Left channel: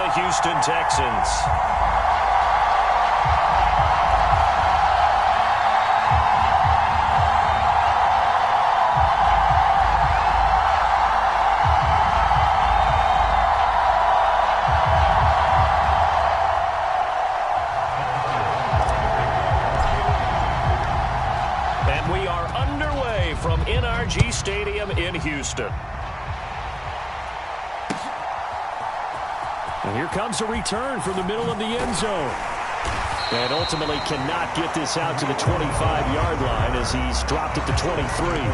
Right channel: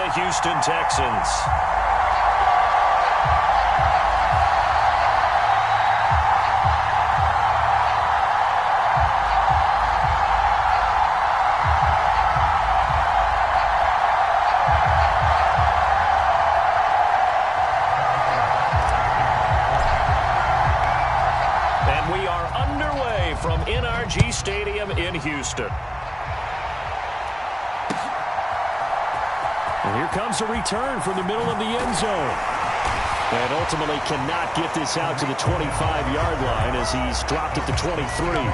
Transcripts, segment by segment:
the Houston Texans. And we are underway from NRG Stadium in Houston. And here comes a return from the middle of the end zone. And ultimately cannot get this out to the 25-yard line as he's dropped it to 23.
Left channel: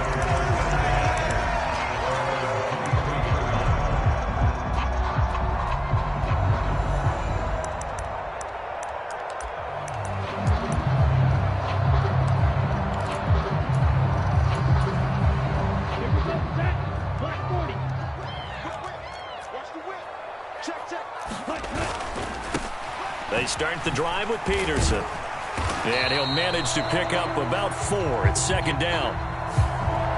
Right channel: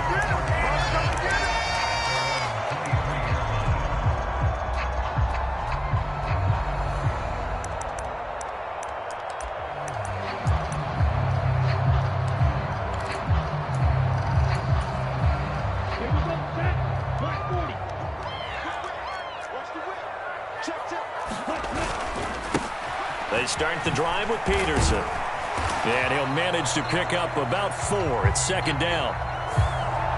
They start the drive with Peterson. And he'll manage to pick up about 4 at second down.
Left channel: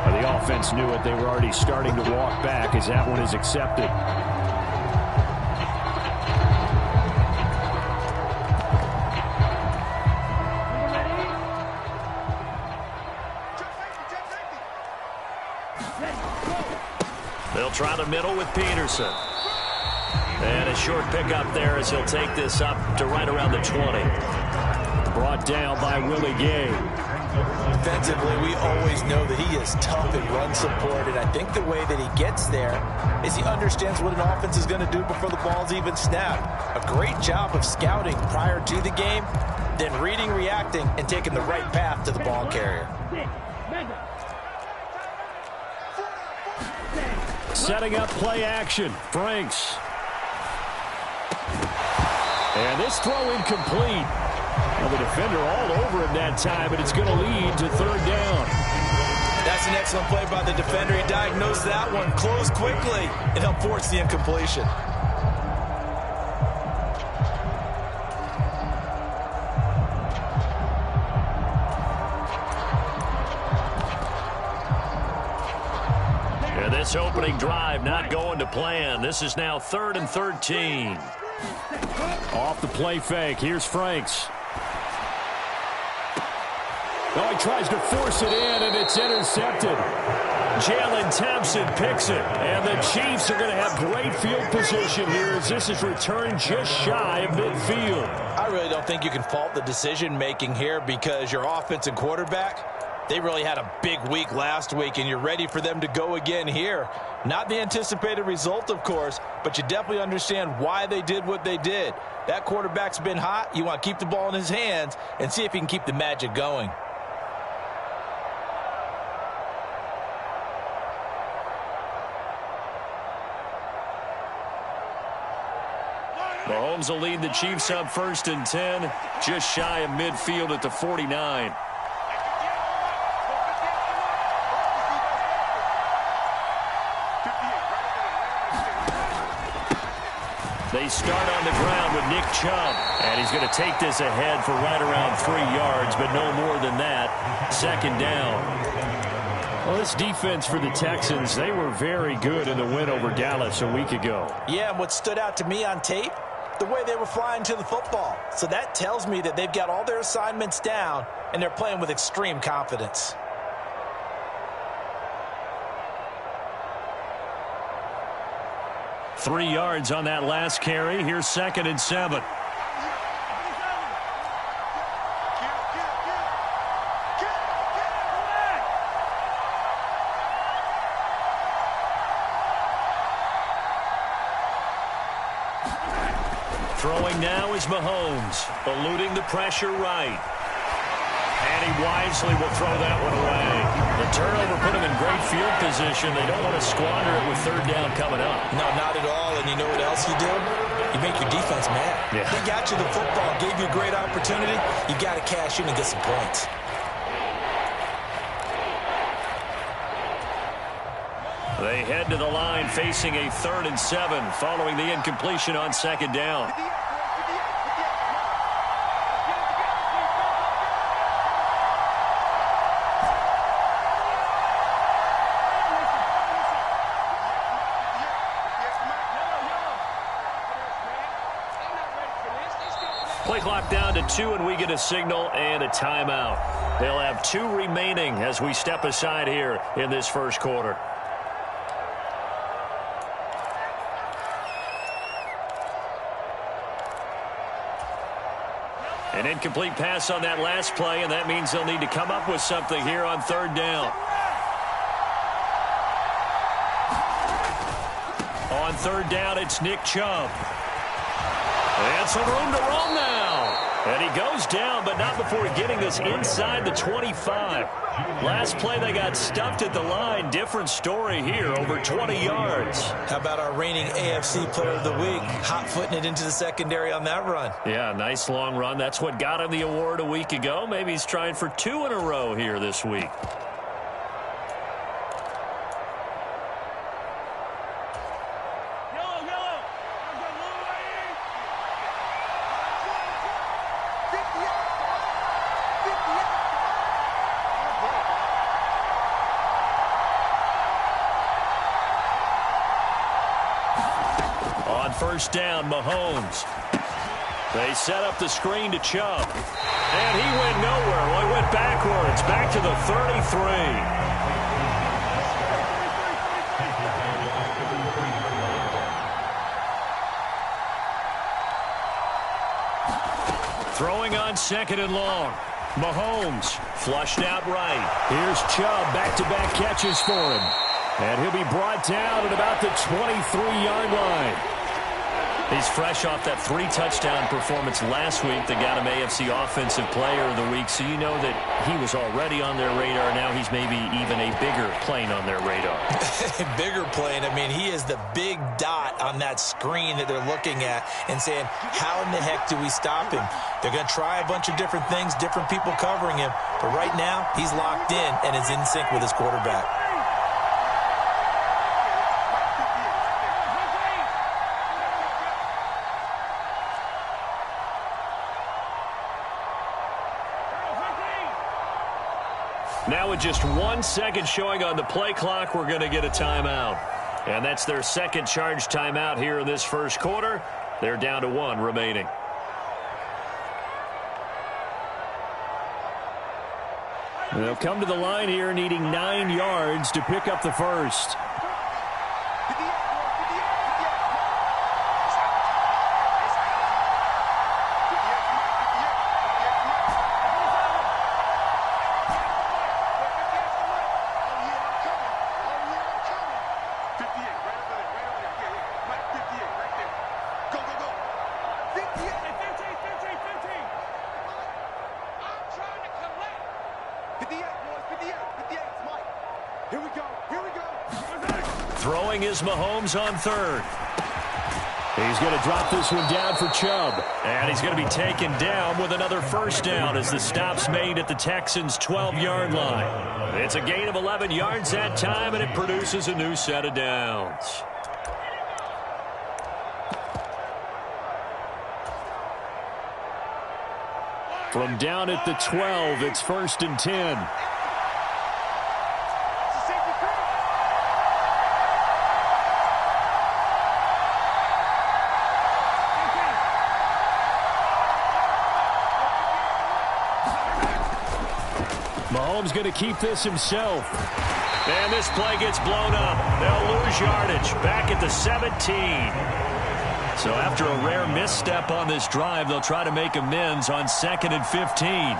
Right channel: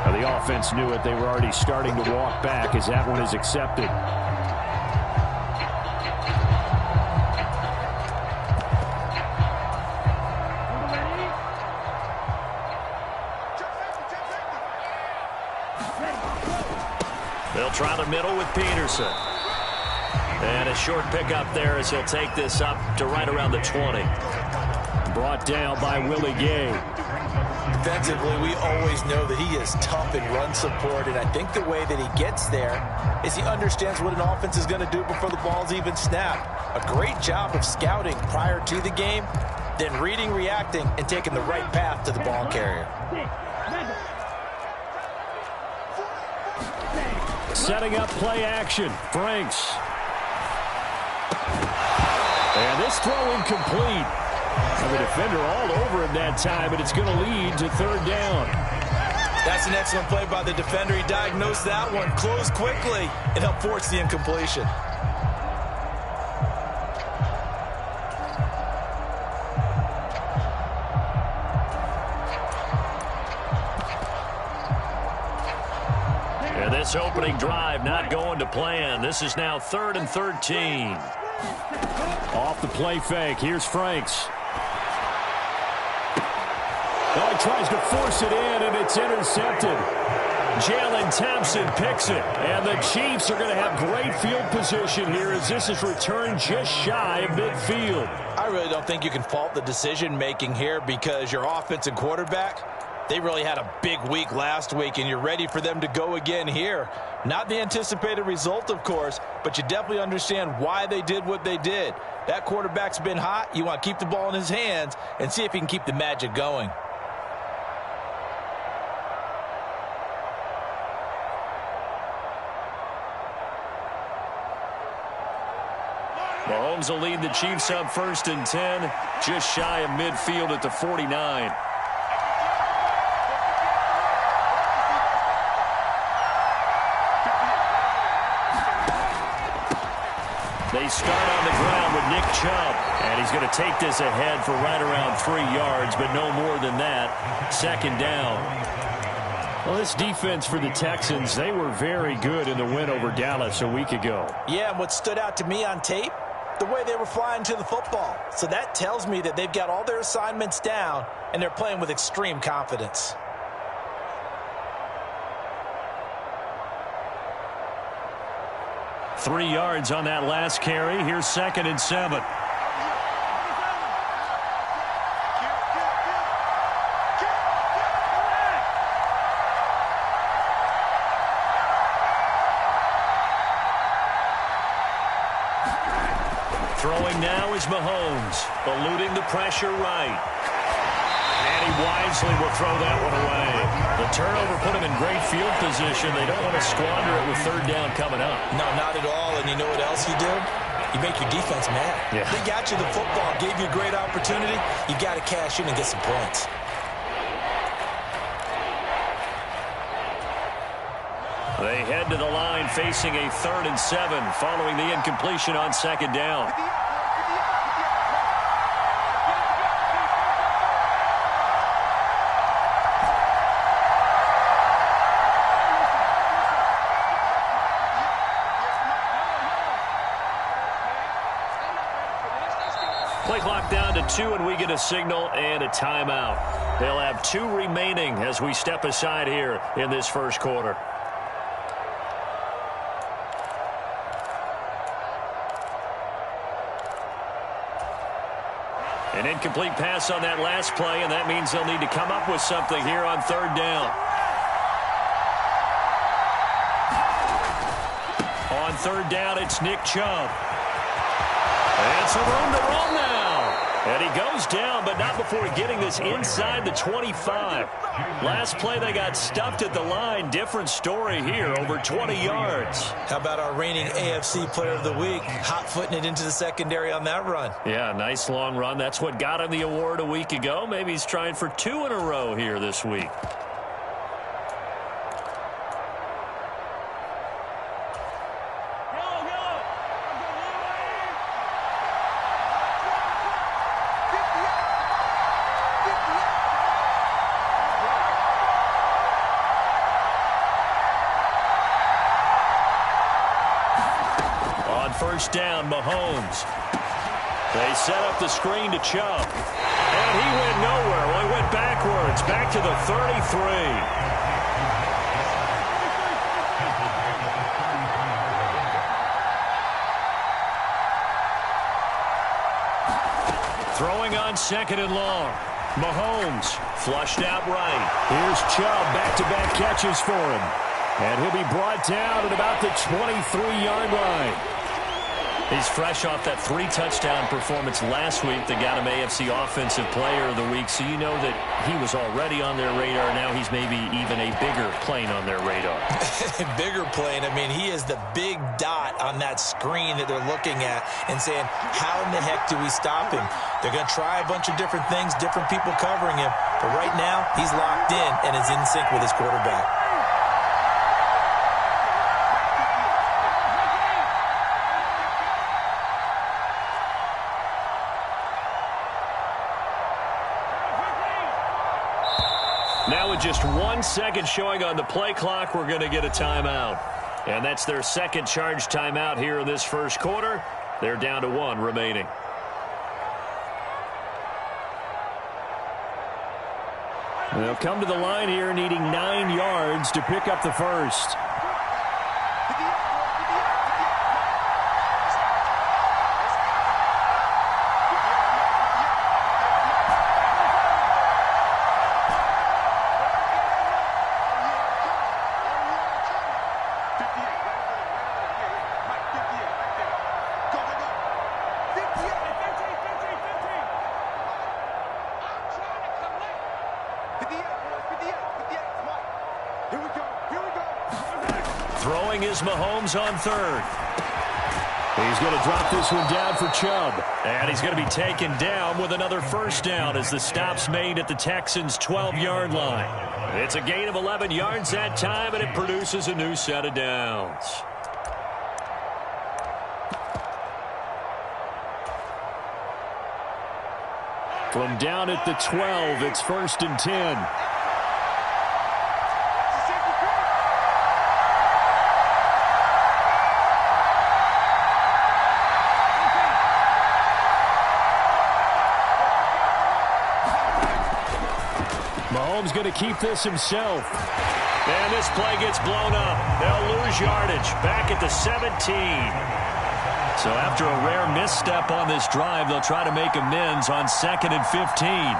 Now, the offense knew it. They were already starting to walk back as that one is accepted. They'll try the middle with Peterson. And a short pickup there as he'll take this up to right around the 20. Brought down by Willie Gay. Defensively, we always know that he is tough in run support, and I think the way that he gets there is he understands what an offense is going to do before the ball's even snapped. A great job of scouting prior to the game, then reading, reacting, and taking the right path to the ball carrier. Setting up play action. Franks. And this throw incomplete. Now the defender all over him that time, but it's going to lead to third down. That's an excellent play by the defender. He diagnosed that one, closed quickly, and helped force the incompletion. And this opening drive not going to plan. This is now 3rd and 13. Off the play fake. Here's Franks. Oh, he tries to force it in, and it's intercepted. Jalen Thompson picks it. And the Chiefs are going to have great field position here as this is returned just shy of midfield. I really don't think you can fault the decision-making here because your offense and quarterback, they really had a big week last week, and you're ready for them to go again here. Not the anticipated result, of course, but you definitely understand why they did what they did. That quarterback's been hot. You want to keep the ball in his hands and see if he can keep the magic going. Mahomes will lead the Chiefs up 1st and 10, just shy of midfield at the 49. They start on the ground with Nick Chubb. And he's going to take this ahead for right around 3 yards, but no more than that. 2nd down. Well, this defense for the Texans, they were very good in the win over Dallas a week ago. Yeah, and what stood out to me on tape, the way they were flying to the football. So that tells me that they've got all their assignments down, and they're playing with extreme confidence. Three yards on that last carry. Here's 2nd and 7. Throwing now is Mahomes, eluding the pressure right. And he wisely will throw that one away. The turnover put him in great field position. They don't want to squander it with 3rd down coming up. No, not at all. And you know what else you do? You make your defense mad. Yeah. They got you the football, gave you a great opportunity. You got to cash in and get some points. They head to the line facing a 3rd and 7 following the incompletion on 2nd down. Play clock down to 2, and we get a signal and a timeout. They'll have 2 remaining as we step aside here in this first quarter. An incomplete pass on that last play, and that means they'll need to come up with something here on third down. On third down, it's Nick Chubb. And some room to roam now. And he goes down, but not before getting this inside the 25. Last play, they got stuffed at the line. Different story here, over 20 yards. How about our reigning AFC Player of the Week, hot-footing it into the secondary on that run? Yeah, nice long run. That's what got him the award a week ago. Maybe he's trying for 2 in a row here this week. On first down, Mahomes. They set up the screen to Chubb. And he went nowhere. Well, he went backwards, back to the 33. Throwing on second and long. Mahomes flushed out right. Here's Chubb, back-to-back catches for him. And he'll be brought down at about the 23-yard line. He's fresh off that 3-touchdown performance last week that got him AFC Offensive Player of the Week, so you know that he was already on their radar. Now he's maybe even a bigger plane on their radar. Bigger plane. I mean, he is the big dot on that screen that they're looking at and saying, how in the heck do we stop him? They're going to try a bunch of different things, different people covering him, but right now he's locked in and is in sync with his quarterback. Now with just 1 second showing on the play clock, we're going to get a timeout. And that's their second charge timeout here in this first quarter. They're down to 1 remaining. They'll come to the line here needing 9 yards to pick up the first. Throwing is Mahomes on third. He's going to drop this one down for Chubb. And he's going to be taken down with another first down as the stop's made at the Texans' 12-yard line. It's a gain of 11 yards that time, and it produces a new set of downs. From down at the 12, it's 1st and 10. Mahomes going to keep this himself. And this play gets blown up. They'll lose yardage back at the 17. So after a rare misstep on this drive, they'll try to make amends on 2nd and 15.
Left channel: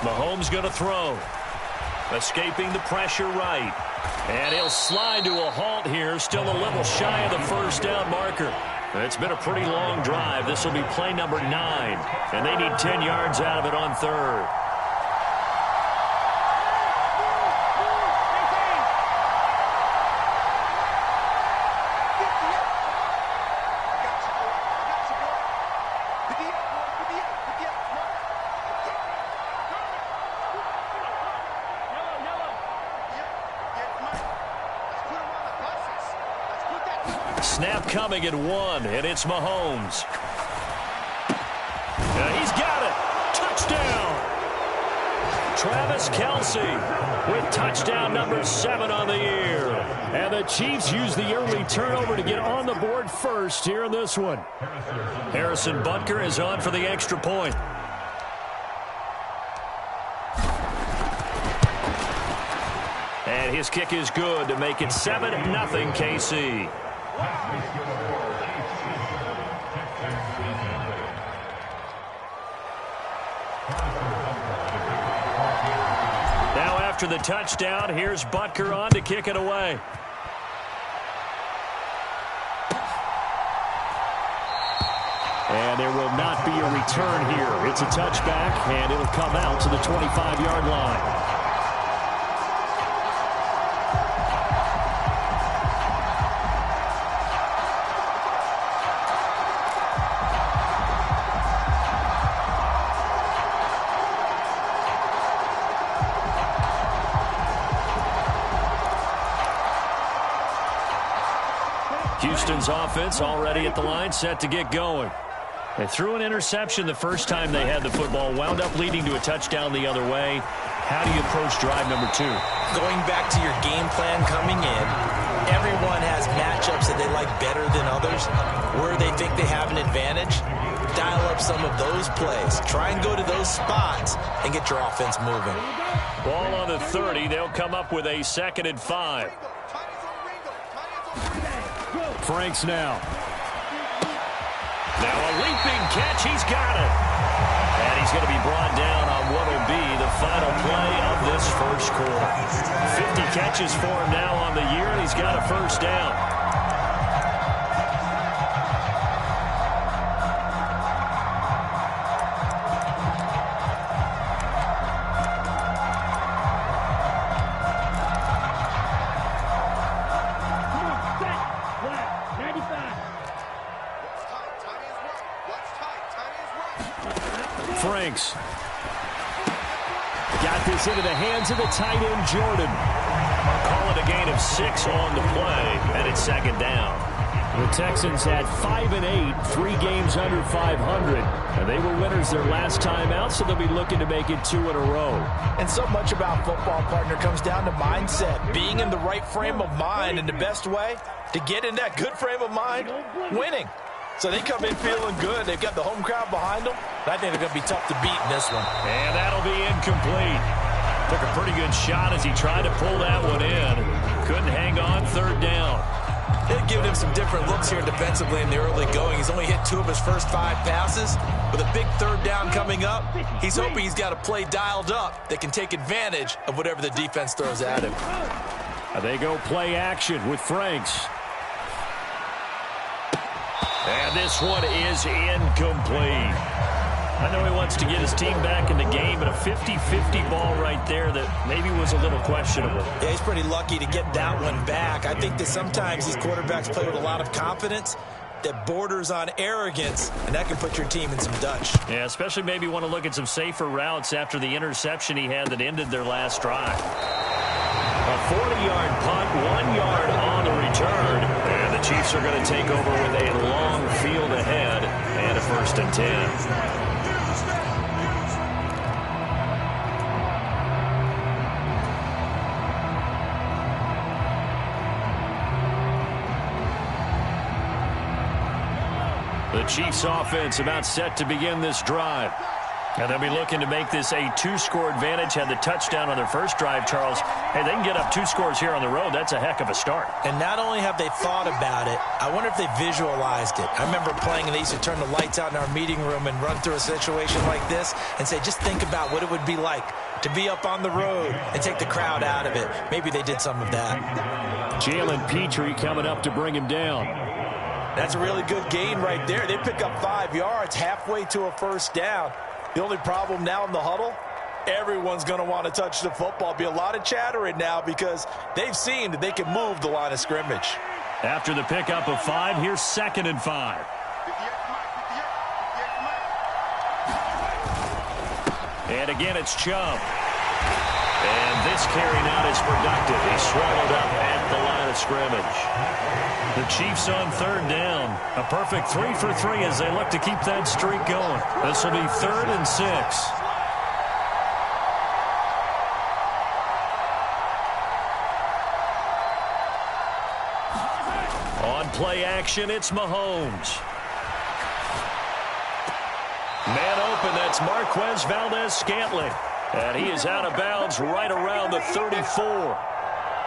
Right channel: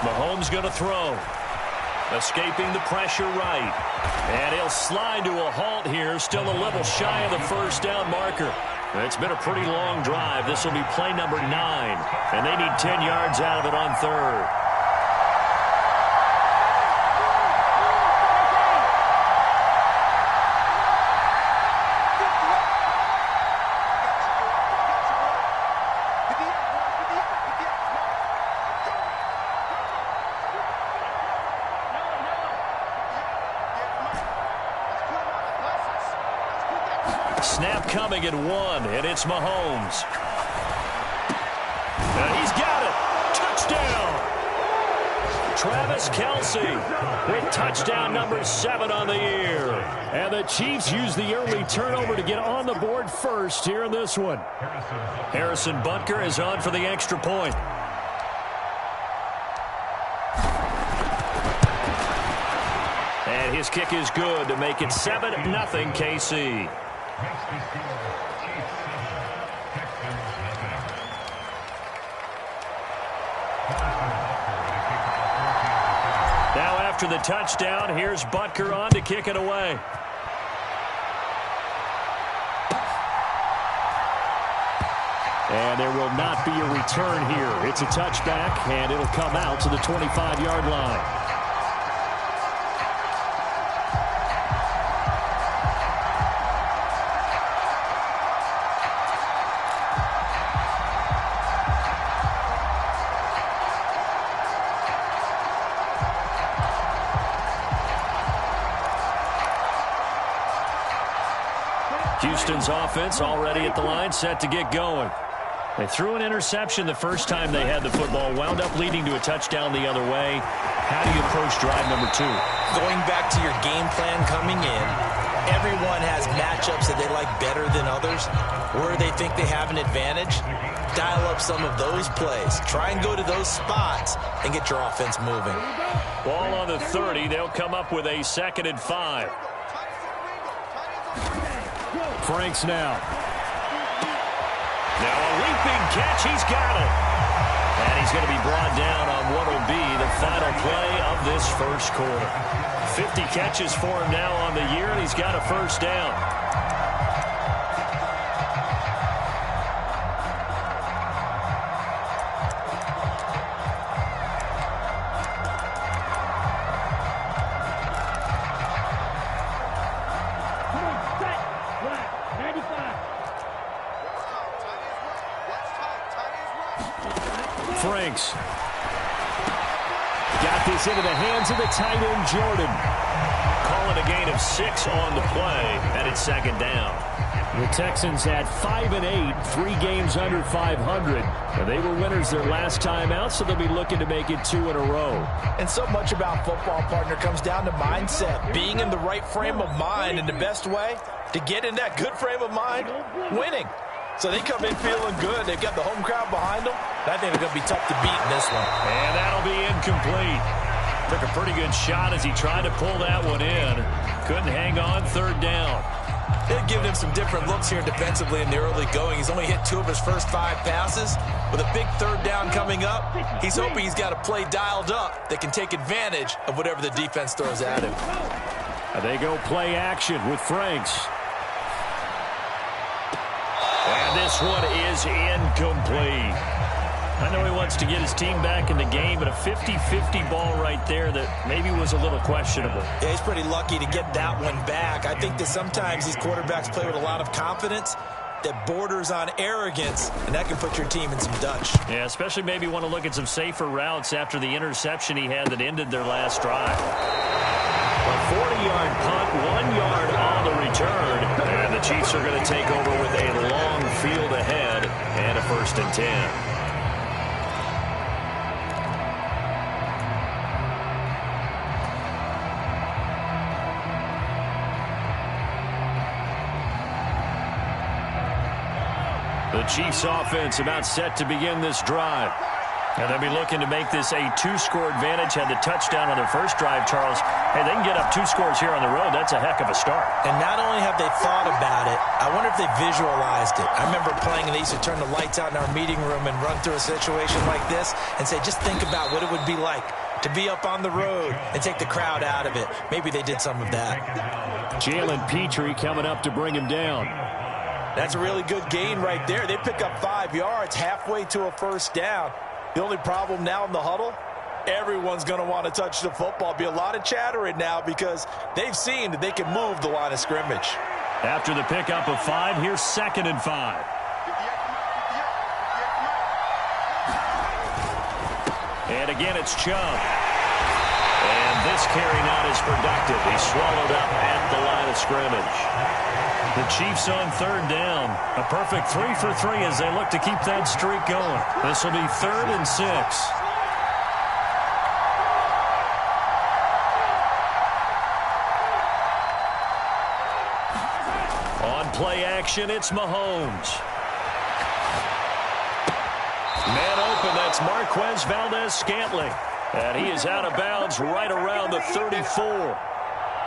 Mahomes going to throw. Escaping the pressure right. And he'll slide to a halt here. Still a little shy of the first down marker. It's been a pretty long drive. This will be play number 9. And they need 10 yards out of it on third. Snap coming at 1, and it's Mahomes. He's got it. Touchdown! Travis Kelce with touchdown number 7 on the year. And the Chiefs use the early turnover to get on the board first here in this one. Harrison Butker is on for the extra point. And his kick is good to make it 7-0 KC. Now after the touchdown, here's Butker on to kick it away. And there will not be a return here. It's a touchback, and it'll come out to the 25-yard line. Houston's offense already at the line, set to get going. They threw an interception the first time they had the football, wound up leading to a touchdown the other way. How do you approach drive number 2? Going back to your game plan coming in, everyone has matchups that they like better than others. Where they think they have an advantage, dial up some of those plays. Try and go to those spots and get your offense moving. Ball on the 30. They'll come up with a 2nd and 5. Franks now. Now a leaping catch. He's got it. And he's going to be brought down on what will be the final play of this first quarter. 50 catches for him now on the year, and he's got a first down. Franks got this into the hands of the tight end, Jordan. Call it a gain of 6 on the play, and it's 2nd down. The Texans had 5 and 8, 3 games under 500. And they were winners their last time out, so they'll be looking to make it 2 in a row. And so much about football, partner, comes down to mindset. Being in the right frame of mind, and the best way to get in that good frame of mind, winning. So they come in feeling good. They've got the home crowd behind them. I think they're going to be tough to beat in this one. And that'll be incomplete. Took a pretty good shot as he tried to pull that one in. Couldn't hang on, 3rd down. They've given him some different looks here defensively in the early going. He's only hit 2 of his first 5 passes. With a big 3rd down coming up, he's hoping he's got a play dialed up that can take advantage of whatever the defense throws at him. They go play action with Franks. And this one is incomplete. I know he wants to get his team back in the game, but a 50-50 ball right there that maybe was a little questionable. Yeah, he's pretty lucky to get that one back. I think that sometimes these quarterbacks play with a lot of confidence that borders on arrogance, and that can put your team in some Dutch. Yeah, especially maybe want to look at some safer routes after the interception he had that ended their last drive. A 40-yard punt, 1 yard on the return. And the Chiefs are going to take over with a long field ahead and a 1st and 10. The Chiefs offense about set to begin this drive. And they'll be looking to make this a 2-score advantage. Had the touchdown on their first drive, Charles. Hey, they can get up 2 scores here on the road. That's a heck of a start. And not only have they thought about it, I wonder if they visualized it. I remember playing, and they used to turn the lights out in our meeting room and run through a situation like this and say, just think about what it would be like to be up on the road and take the crowd out of it. Maybe they did some of that. Jalen Petrie coming up to bring him down. That's a really good gain right there. They pick up 5 yards halfway to a first down. The only problem now in the huddle, everyone's going to want to touch the football. Be a lot of chattering now because they've seen that they can move the line of scrimmage. After the pickup of 5, here's 2nd and 5. And again, it's Chubb. And this carry not as productive. He's swallowed up at the line of scrimmage. The Chiefs on third down. A perfect 3 for 3 as they look to keep that streak going. This will be 3rd and 6. On play action, it's Mahomes. Man open, that's Marquez Valdes-Scantling. And he is out of bounds right around the 34.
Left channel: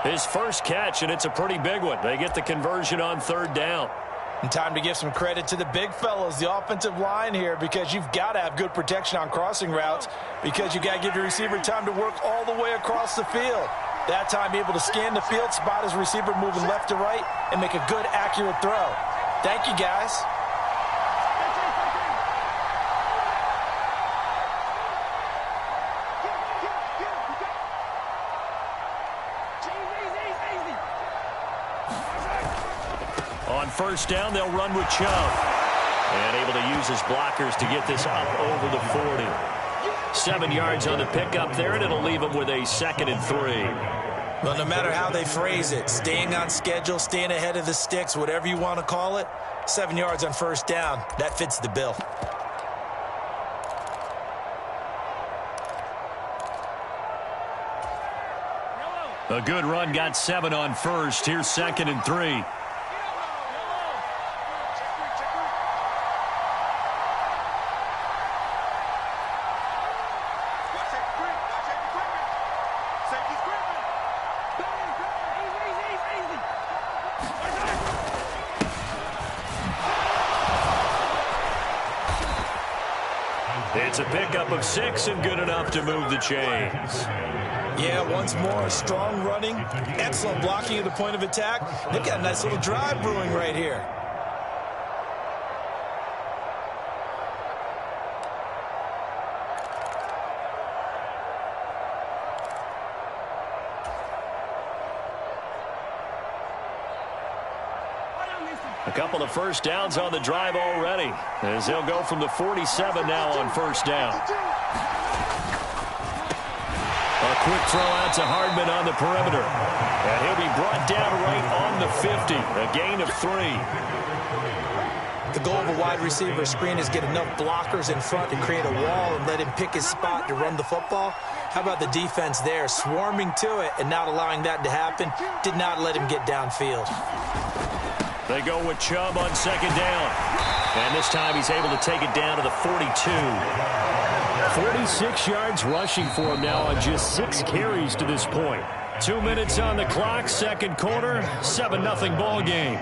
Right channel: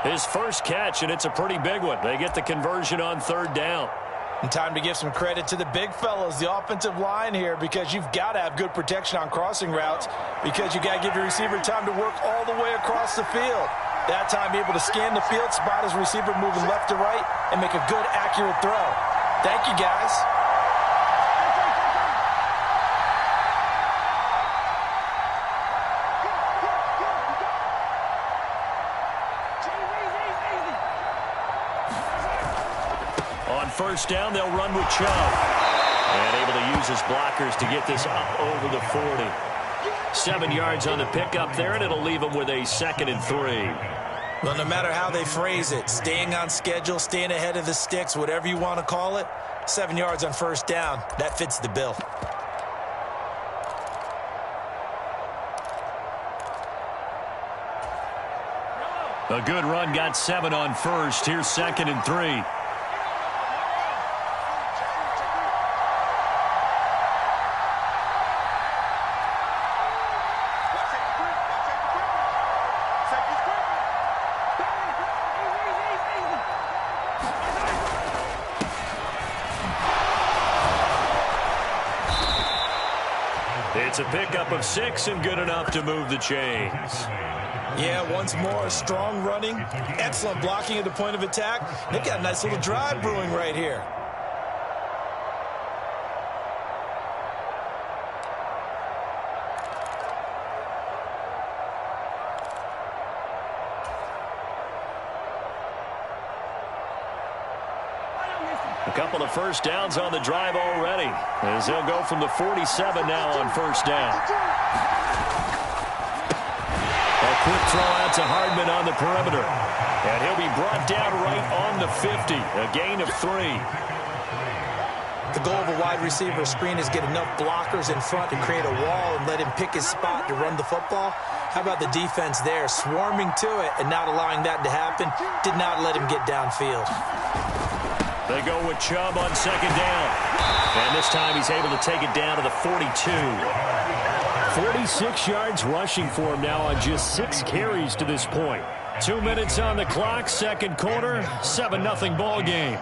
His first catch, and it's a pretty big one. They get the conversion on third down. And time to give some credit to the big fellas, the offensive line here, because you've got to have good protection on crossing routes because you got to give your receiver time to work all the way across the field. That time, be able to scan the field, spot his receiver moving left to right, and make a good, accurate throw. Thank you, guys. On first down, they'll run with Chubb. And able to use his blockers to get this up over the 40. 7 yards on the pickup there, and it'll leave him with a 2nd and 3. Well, no matter how they phrase it, staying on schedule, staying ahead of the sticks, whatever you want to call it, 7 yards on first down, that fits the bill. A good run, got 7 on first. Here's 2nd and 3. It's a pickup of 6 and good enough to move the chains. Yeah, once more, strong running, excellent blocking at the point of attack. They've got a nice little drive brewing right here. A couple of first downs on the drive already, as they'll go from the 47 now on first down. A quick throw out to Hardman on the perimeter. And he'll be brought down right on the 50, a gain of 3. The goal of a wide receiver screen is get enough blockers in front to create a wall and let him pick his spot to run the football. How about the defense there, swarming to it and not allowing that to happen? Did not let him get downfield. They go with Chubb on second down. And this time he's able to take it down to the 42. 46 yards rushing for him now on just 6 carries to this point. 2 minutes on the clock, second quarter, 7-0 ball game.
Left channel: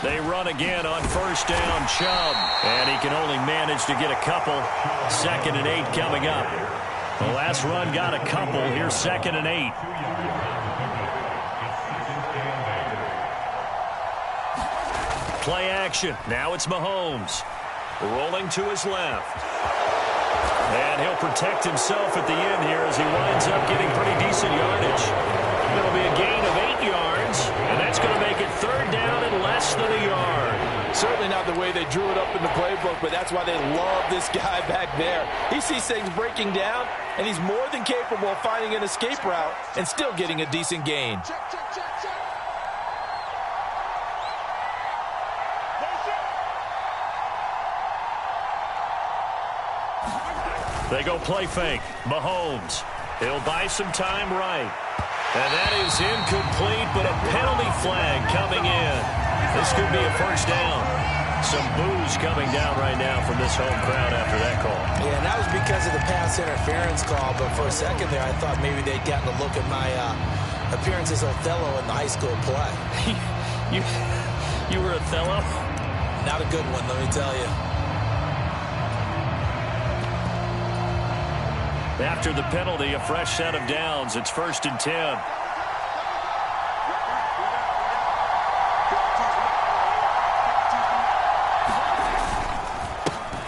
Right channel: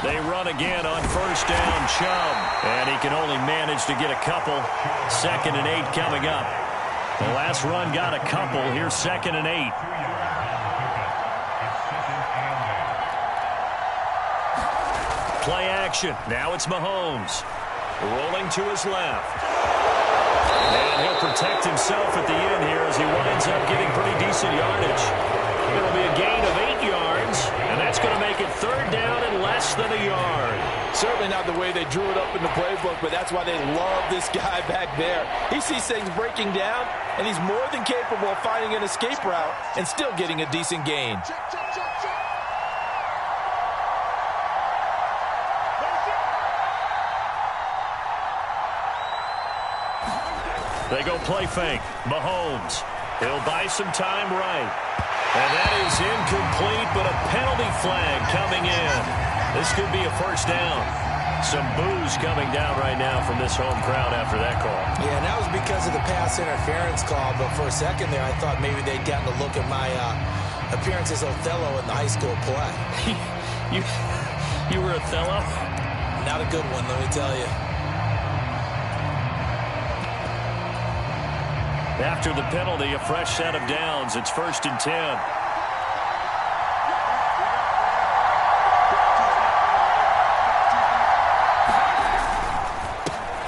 They run again on first down, Chubb. And he can only manage to get a couple. 2nd and 8 coming up. The last run got a couple. Here's 2nd and 8. Play action. Now it's Mahomes. Rolling to his left. And he'll protect himself at the end here as he winds up getting pretty decent yardage. It'll be a gain of 8 yards, and that's going to make it third down and less than a yard. Certainly not the way they drew it up in the playbook, but that's why they love this guy back there. He sees things breaking down, and he's more than capable of finding an escape route and still getting a decent gain. They go play fake. Mahomes. He'll buy some time right. And that is incomplete, but a penalty flag coming in. This could be a first down. Some boos coming down right now from this home crowd after that call. Yeah, and that was because of the pass interference call, but for a second there I thought maybe they'd gotten a look at my appearance as Othello in the high school play. You were Othello? Not a good one, let me tell you. After the penalty, a fresh set of downs. It's 1st and 10.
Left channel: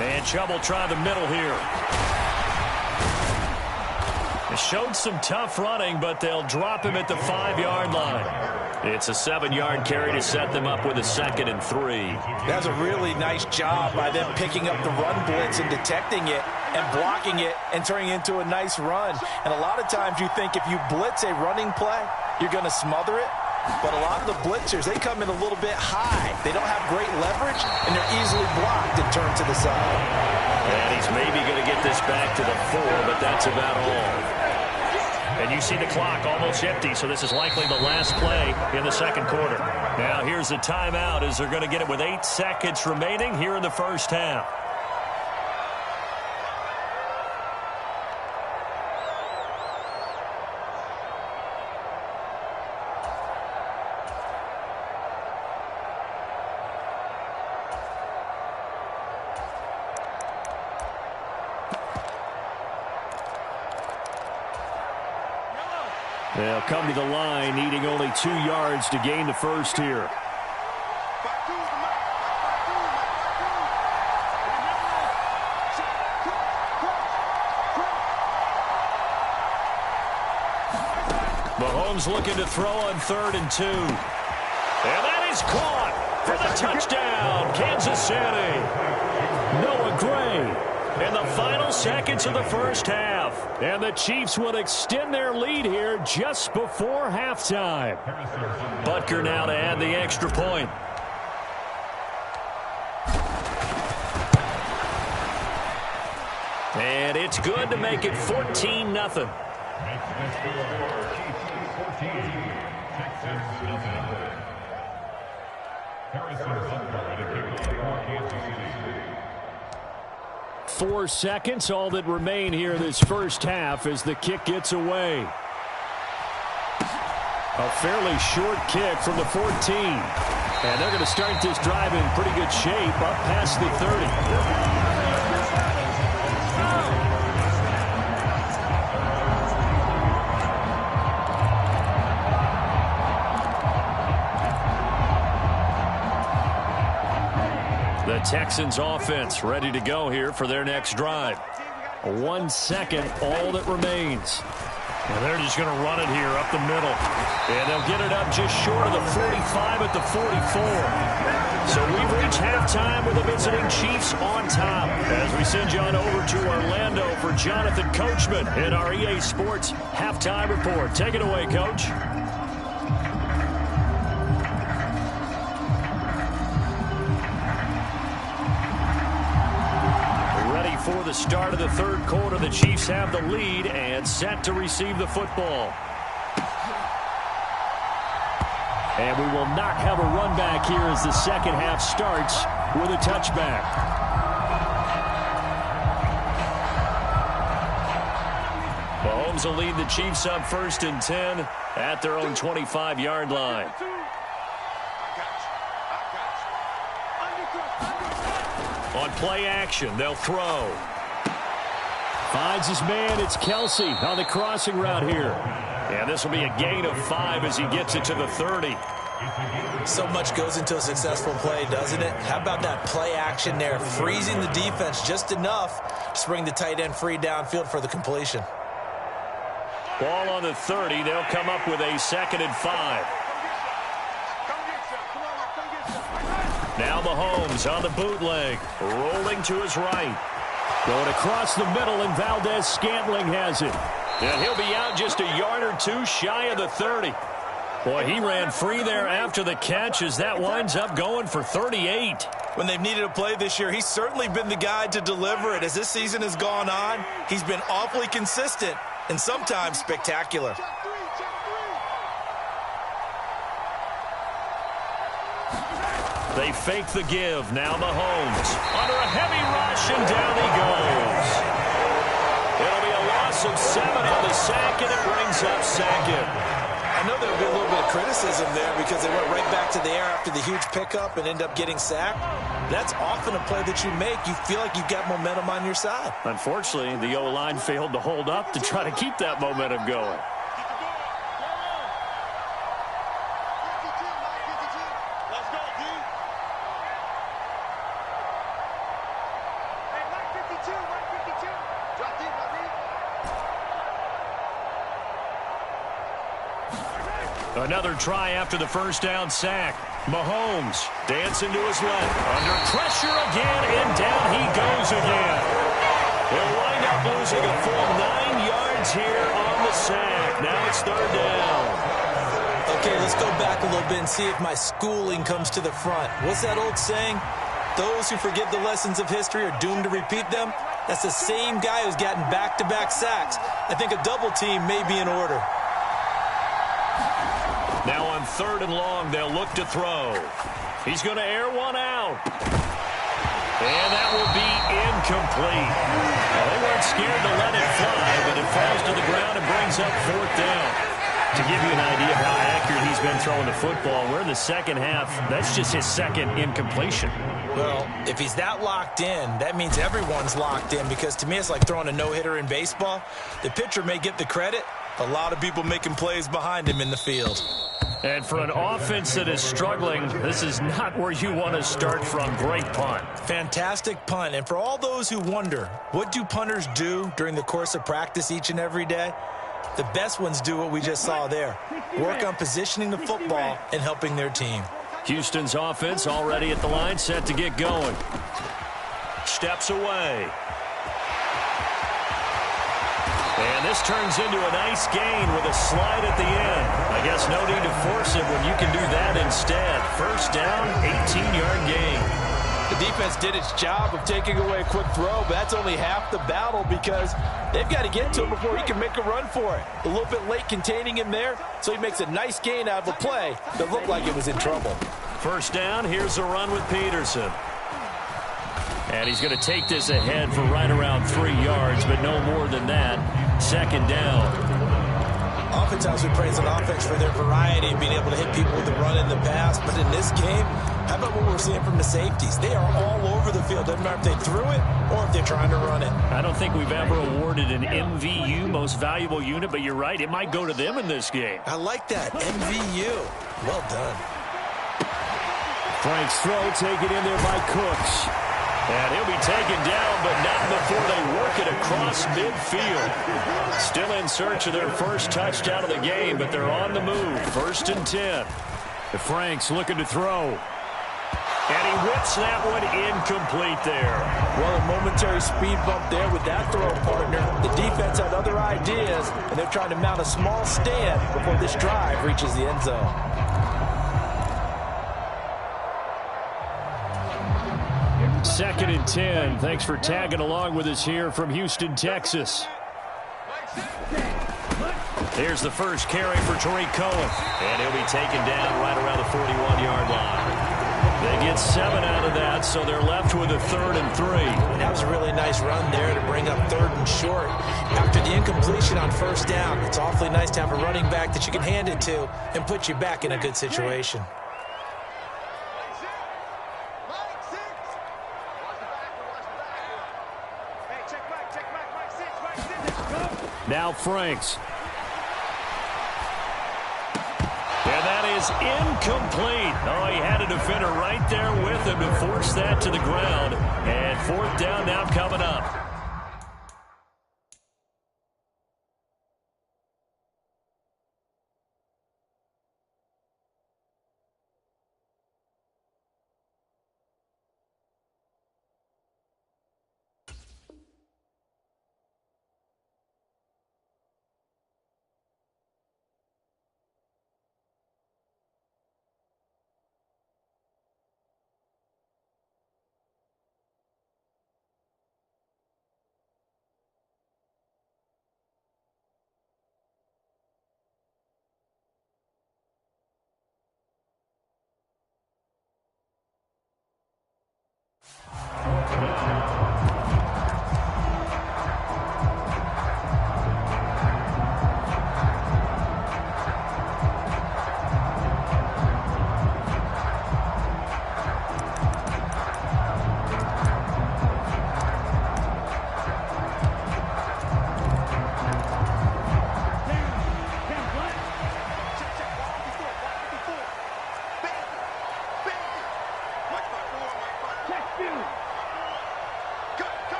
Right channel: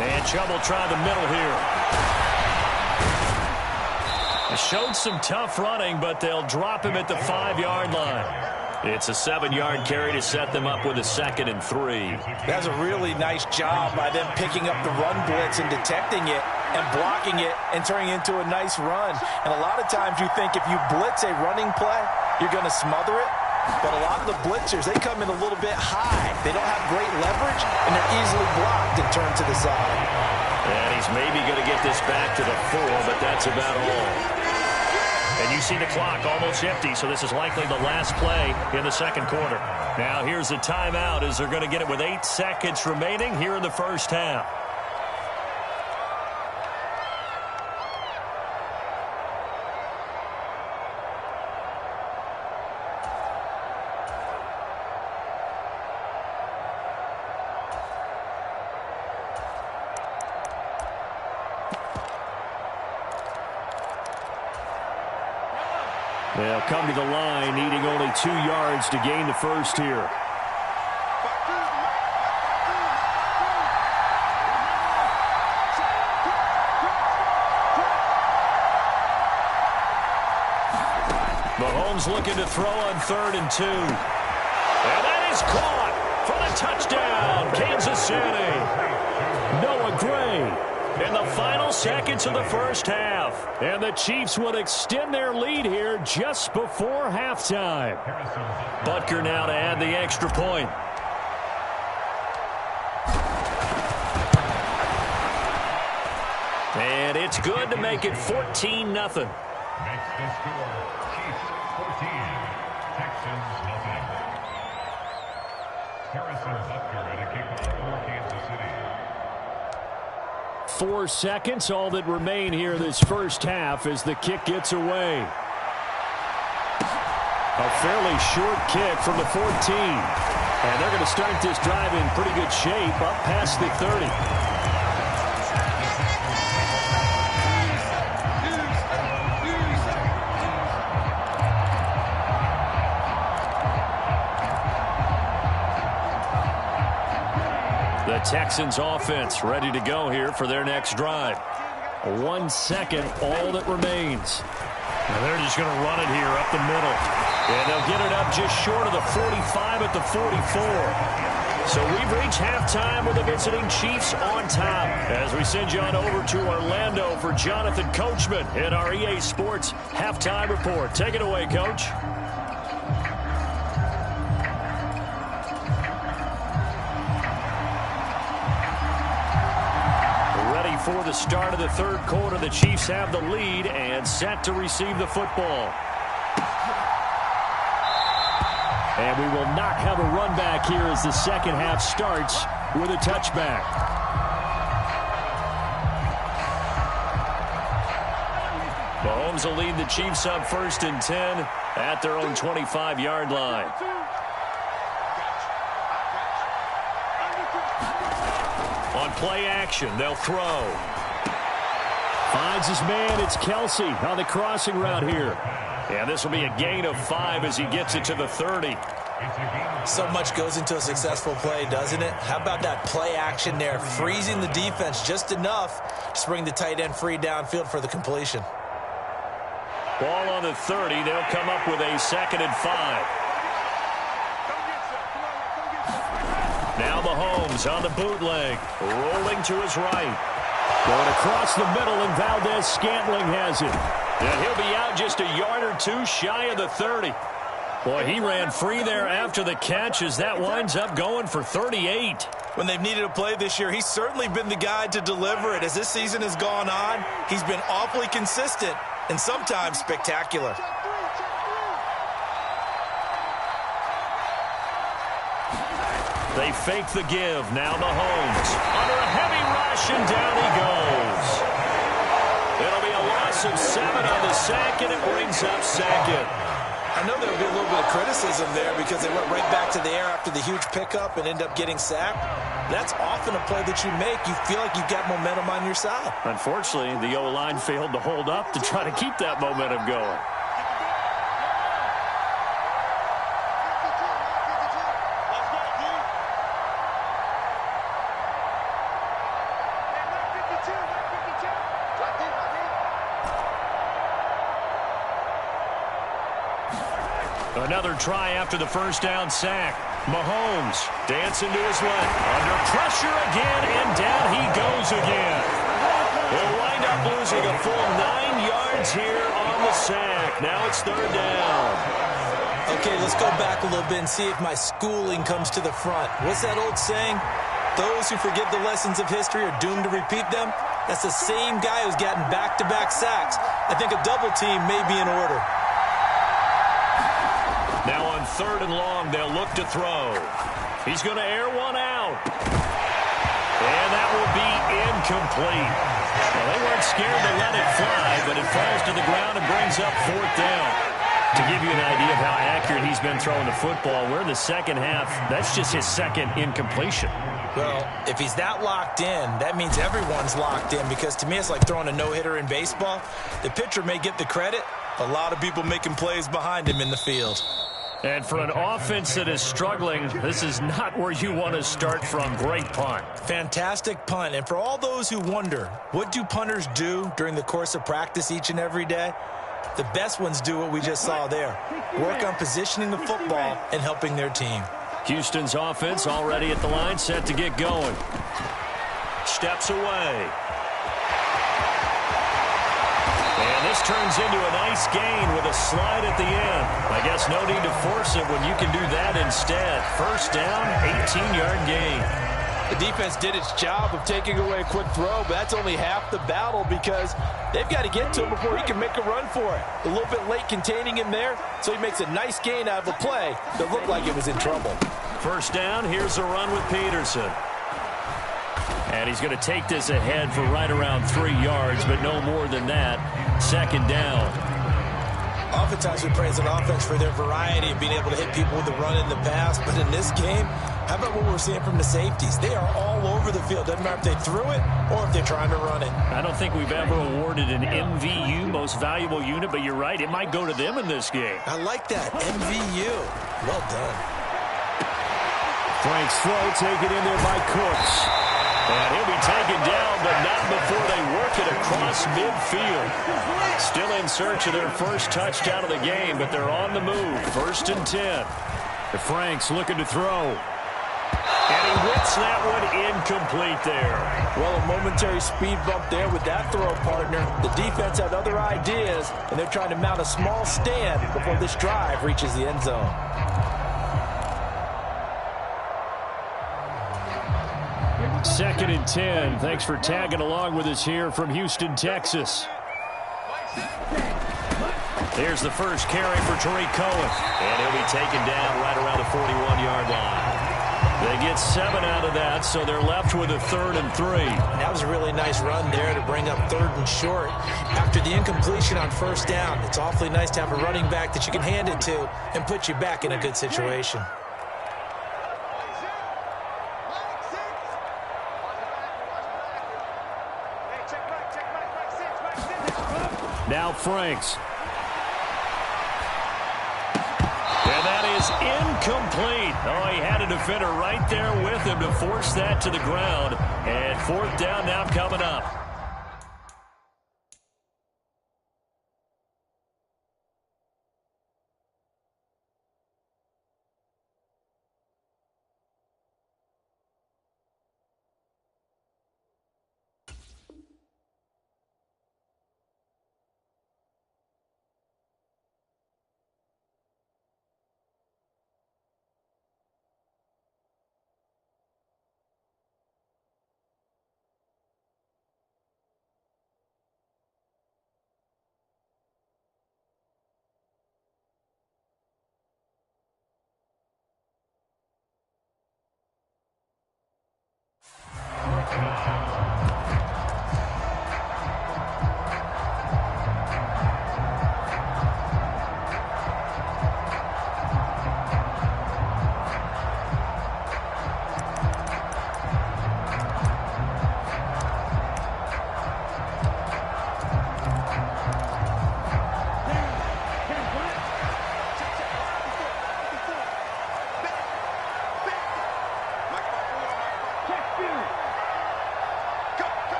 And Chubb will try the middle here. It showed some tough running, but they'll drop him at the 5-yard line. It's a 7-yard carry to set them up with a 2nd and 3. That's a really nice job by them picking up the run blitz and detecting it and blocking it and turning it into a nice run. And a lot of times you think if you blitz a running play, you're going to smother it. But a lot of the blitzers, they come in a little bit high. They don't have great leverage, and they're easily blocked and turned to the side. And he's maybe going to get this back to the 4, but that's about all. And you see the clock almost empty, so this is likely the last play in the second quarter. Now here's a timeout as they're going to get it with 8 seconds remaining here in the first half. They'll come to the line, needing only 2 yards to gain the first here. Mahomes looking to throw on 3rd and 2. And that is caught for the touchdown, Kansas City. Noah Gray. In the final seconds of the first half. And the Chiefs will extend their lead here just before halftime. Butker now to add the extra point. And it's good to make it 14-0. Makes the score Chiefs 14, Texans nothing. Harrison Butker at a kickoff for Kansas City. 4 seconds, all that remain here this first half as the kick gets away. A fairly short kick from the 14. And they're going to start this drive in pretty good shape up past the 30. The Texans offense ready to go here for their next drive. 1 second, all that remains. And they're just going to run it here up the middle. And they'll get it up just short of the 45 at the 44. So we've reached halftime with the visiting Chiefs on top. As we send you on over to Orlando for Jonathan Coachman in our EA Sports Halftime Report. Take it away, Coach. For the start of the third quarter, the Chiefs have the lead and set to receive the football. And we will not have a run back here as the second half starts with a touchback. Mahomes will lead the Chiefs up 1st and 10 at their own 25-yard line. On play action, they'll throw. Finds his man. It's Kelsey on the crossing route here. And this will be a gain of 5 as he gets it to the 30. So much goes into a successful play, doesn't it? How about that play action there, freezing the defense just enough to bring the tight end free downfield for the completion. Ball on the 30. They'll come up with a 2nd and 5. Now Mahomes on the bootleg, rolling to his right. Going across the middle, and Valdez-Scantling has it. And he'll be out just a yard or 2 shy of the 30. Boy, he ran free there after the catch as that winds up going for 38. When they've needed a play this year, he's certainly been the guy to deliver it. As this season has gone on, he's been awfully consistent and sometimes spectacular. They fake the give. Now Mahomes under a heavy rush, and down he goes. It'll be a loss of 7 on the sack, and it brings up 2nd. I know there'll be a little bit of criticism there because they went right back to the air after the huge pickup and end up getting sacked. That's often a play that you make. You feel like you've got momentum on your side. Unfortunately, the O-line failed to hold up to try to keep that momentum going. Another try after the first down sack. Mahomes dancing to his left. Under pressure again, and down he goes again. He'll wind up losing a full 9 yards here on the sack. Now it's third down. Okay, let's go back a little bit and see if my schooling comes to the front. What's that old saying? Those who forget the lessons of history are doomed to repeat them. That's the same guy who's gotten back-to-back sacks. I think a double team may be in order. Now on third and long, they'll look to throw. He's going to air one out. And that will be incomplete. Well, they weren't scared to let it fly, but it falls to the ground and brings up fourth down. To give you an idea of how accurate he's been throwing the football, we're in the second half. That's just his second incompletion. Well, if he's that locked in, that means everyone's locked in, because to me it's like throwing a no-hitter in baseball. The pitcher may get the credit. A lot of people making plays behind him in the field. And for an offense that is struggling, this is not where you want to start from. Great punt. Fantastic punt. And for all those who wonder, what do punters do during the course of practice each and every day? The best ones do what we just saw there. Work on positioning the football and helping their team. Houston's offense already at the line, set to get going. Steps away. And this turns into a nice gain with a slide at the end. I guess no need to force it when you can do that instead. First down, 18-yard gain. The defense did its job of taking away a quick throw, but that's only half the battle, because they've got to get to him before he can make a run for it. A little bit late containing him there, so he makes a nice gain out of a play that looked like it was in trouble. First down, here's a run with Peterson. And he's going to take this ahead for right around 3 yards, but no more than that. Second down. Oftentimes we praise an offense for their variety of being able to hit people with the run in the pass, but in this game, how about what we're seeing from the safeties? They are all over the field. Doesn't matter if they threw it or if they're trying to run it. I don't think we've ever awarded an MVU, most valuable unit, but you're right, it might go to them in this game. I like that, MVU. Well done. Frank's throw taken in there by Cooks. And he'll be taken down, but not before they work it across midfield. Still in search of their first touchdown of the game, but they're on the move. First and 10. The Frank's looking to throw. And he whips that one incomplete there. Well, a momentary speed bump there with that throw, partner. The defense had other ideas, and they're trying to mount a small stand before this drive reaches the end zone. Second and 10. Thanks for tagging along with us here from Houston, Texas. Here's the first carry for Tariq Cohen. And he'll be taken down right around the 41-yard line. They get 7 out of that, so they're left with a 3rd and 3. That was a really nice run there to bring up 3rd and short. After the incompletion on first down, it's awfully nice to have a running back that you can hand it to and put you back in a good situation. Now Franks. And that is incomplete. Oh, he had a defender right there with him to force that to the ground. And fourth down now coming up.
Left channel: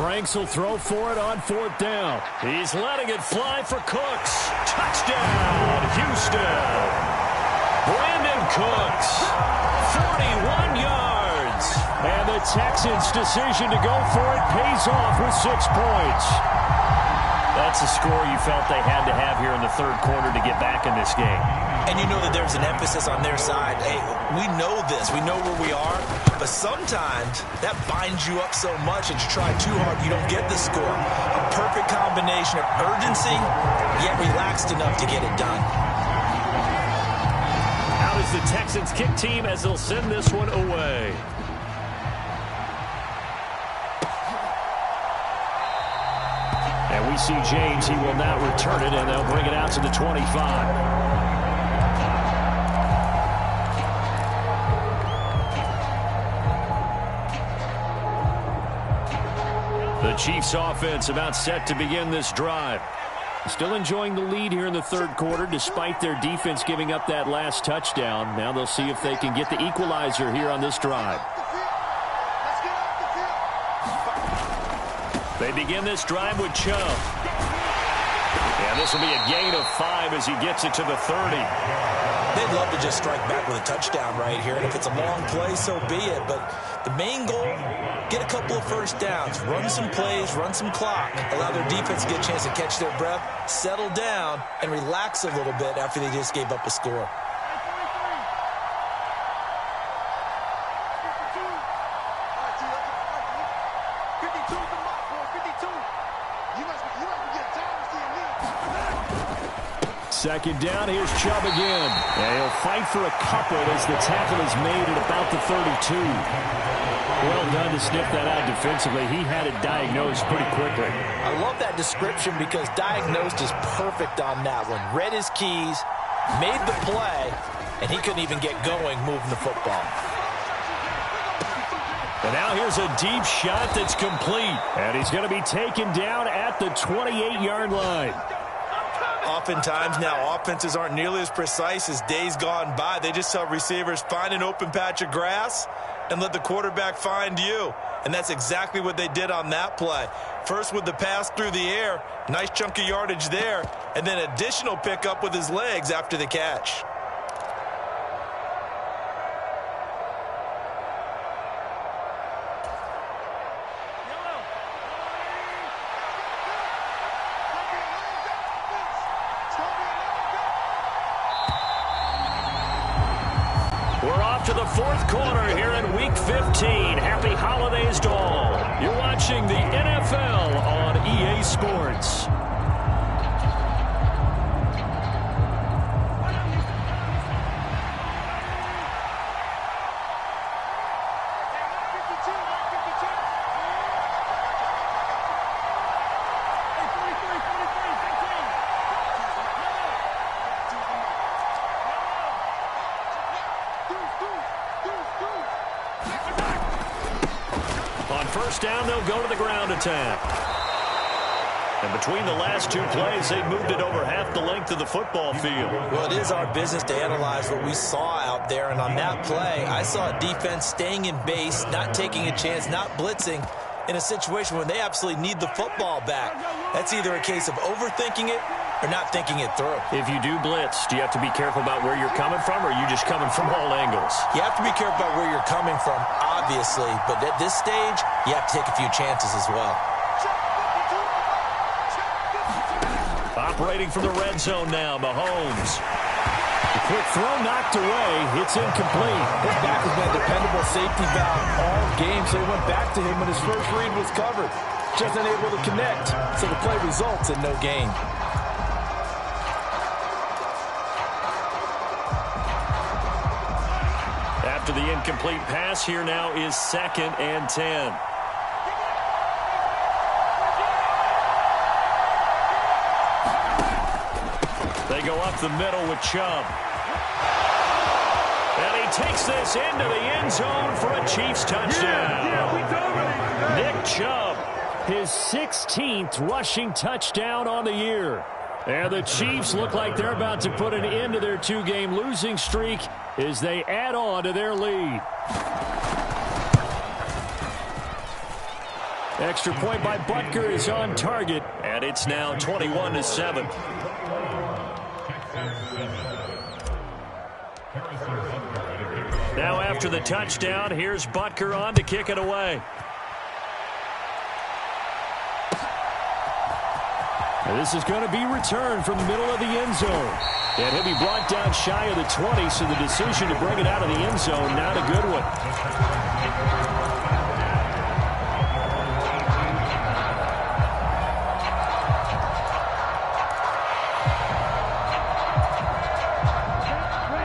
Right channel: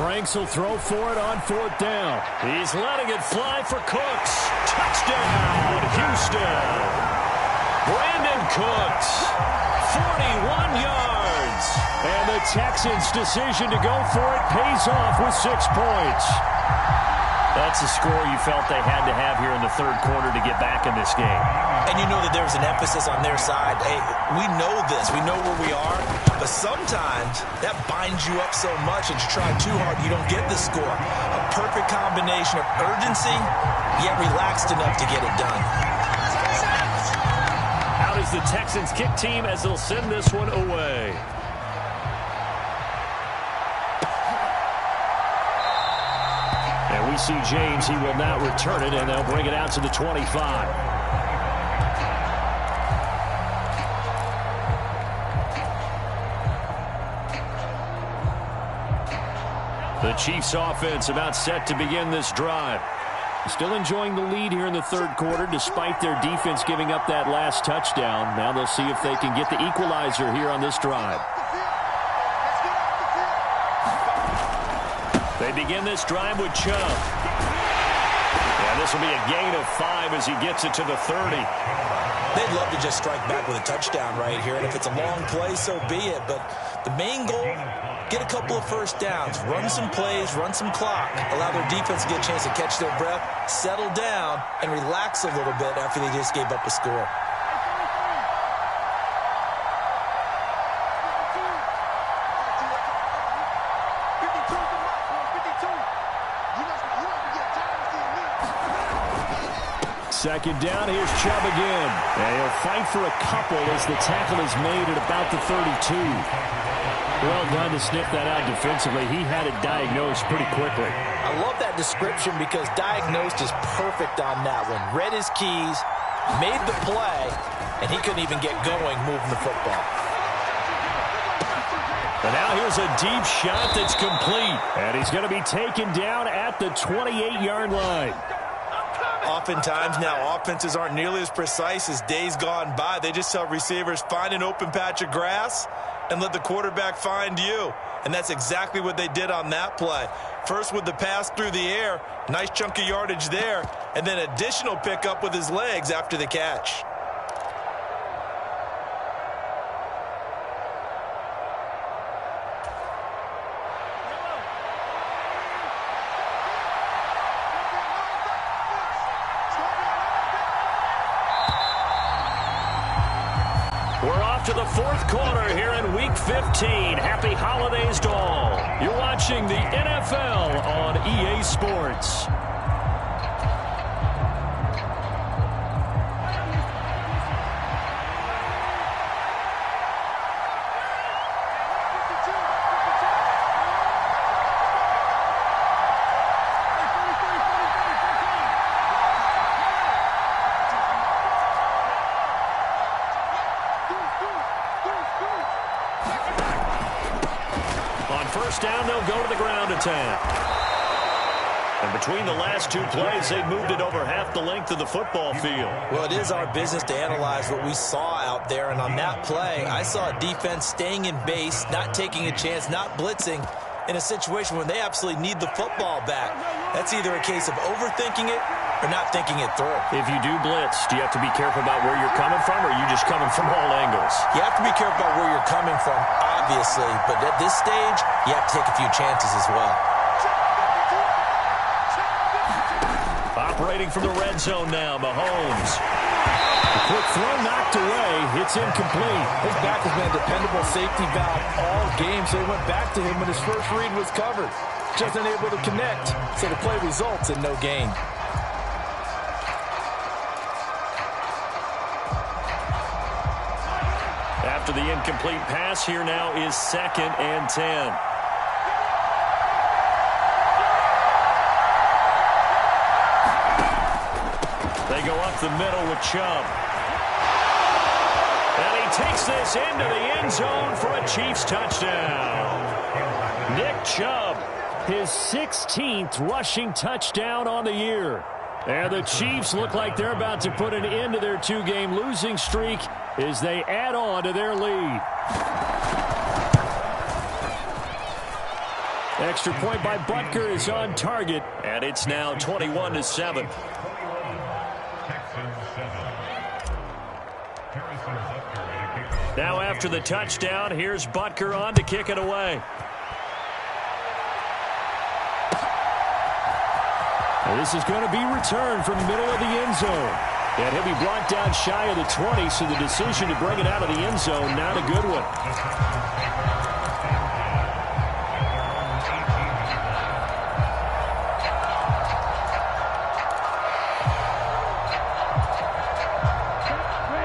Franks will throw for it on 4th down. He's letting it fly for Cooks. Touchdown, Houston. Brandon Cooks, 41 yards. And the Texans' decision to go for it pays off with 6 points. That's a score you felt they had to have here in the 3rd quarter to get back in this game. And you know that there's an emphasis on their side. Hey, we know this. We know where we are. But sometimes that binds you up so much that you try too hard, you don't get the score. A perfect combination of urgency, yet relaxed enough to get it done. Out is the Texans kick team as they'll send this one away. And we see James. He will now return it, and they'll bring it out to the 25. The Chiefs offense about set to begin this drive. Still enjoying the lead here in the 3rd quarter despite their defense giving up that last touchdown. Now they'll see if they can get the equalizer here on this drive. They begin this drive with Chubb. Yeah, this will be a gain of 5 as he gets it to the 30. They'd love to just strike back with a touchdown right here, and if it's a long play, so be it. But the main goal, get a couple of first downs, run some plays, run some clock, allow their defense to get a chance to catch their breath, settle down, and relax a little bit after they just gave up a score. Second down, here's Chubb again. And he'll fight for a couple as the tackle is made at about the 32. Well done to sniff that out defensively. He had it diagnosed pretty quickly. I love that description because diagnosed is perfect on that one. Read his keys, made the play, and he couldn't even get going moving the football. And now here's a deep shot that's complete. And he's going to be taken down at the 28-yard line. Oftentimes now offenses aren't nearly as precise as days gone by. They just tell receivers, find an open patch of grass and let the quarterback find you. And that's exactly what they did on that play. First with the pass through the air, nice chunk of yardage there, and then additional pickup with his legs after the catch. We're off to the 4th quarter here in Week 15. Happy holidays to all. You're watching the NFL on EA Sports. On first down, they'll go to the ground attack. And between the last 2 plays, they moved it over half the length of the football field. Well, it is our business to analyze what we saw out there. And on that play, I saw a defense staying in base, not taking a chance, not blitzing in a situation when they absolutely need the football back. That's either a case of overthinking it or not thinking it through. If you do blitz, do you have to be careful about where you're coming from, or are you just coming from all angles? You have to be careful about where you're coming from, obviously. But at this stage, you have to take a few chances as well. Operating from the red zone now, Mahomes. The quick throw knocked away. It's incomplete. His back has been a dependable safety valve all game, so he went back to him when his first read was covered. Just unable to connect, so the play results in no gain. After the incomplete pass, here now is 2nd and 10. They go up the middle with Chubb. And he takes this into the end zone for a Chiefs touchdown. Nick Chubb, his 16th rushing touchdown on the year. And the Chiefs look like they're about to put an end to their 2-game losing streak as they add on to their lead. Extra point by Butker is on target, and it's now 21-7. Now after the touchdown, here's Butker on to kick it away. And this is going to be returned from the middle of the end zone. And he'll be brought down shy of the 20, so the decision to bring it out of the end zone, not a good one.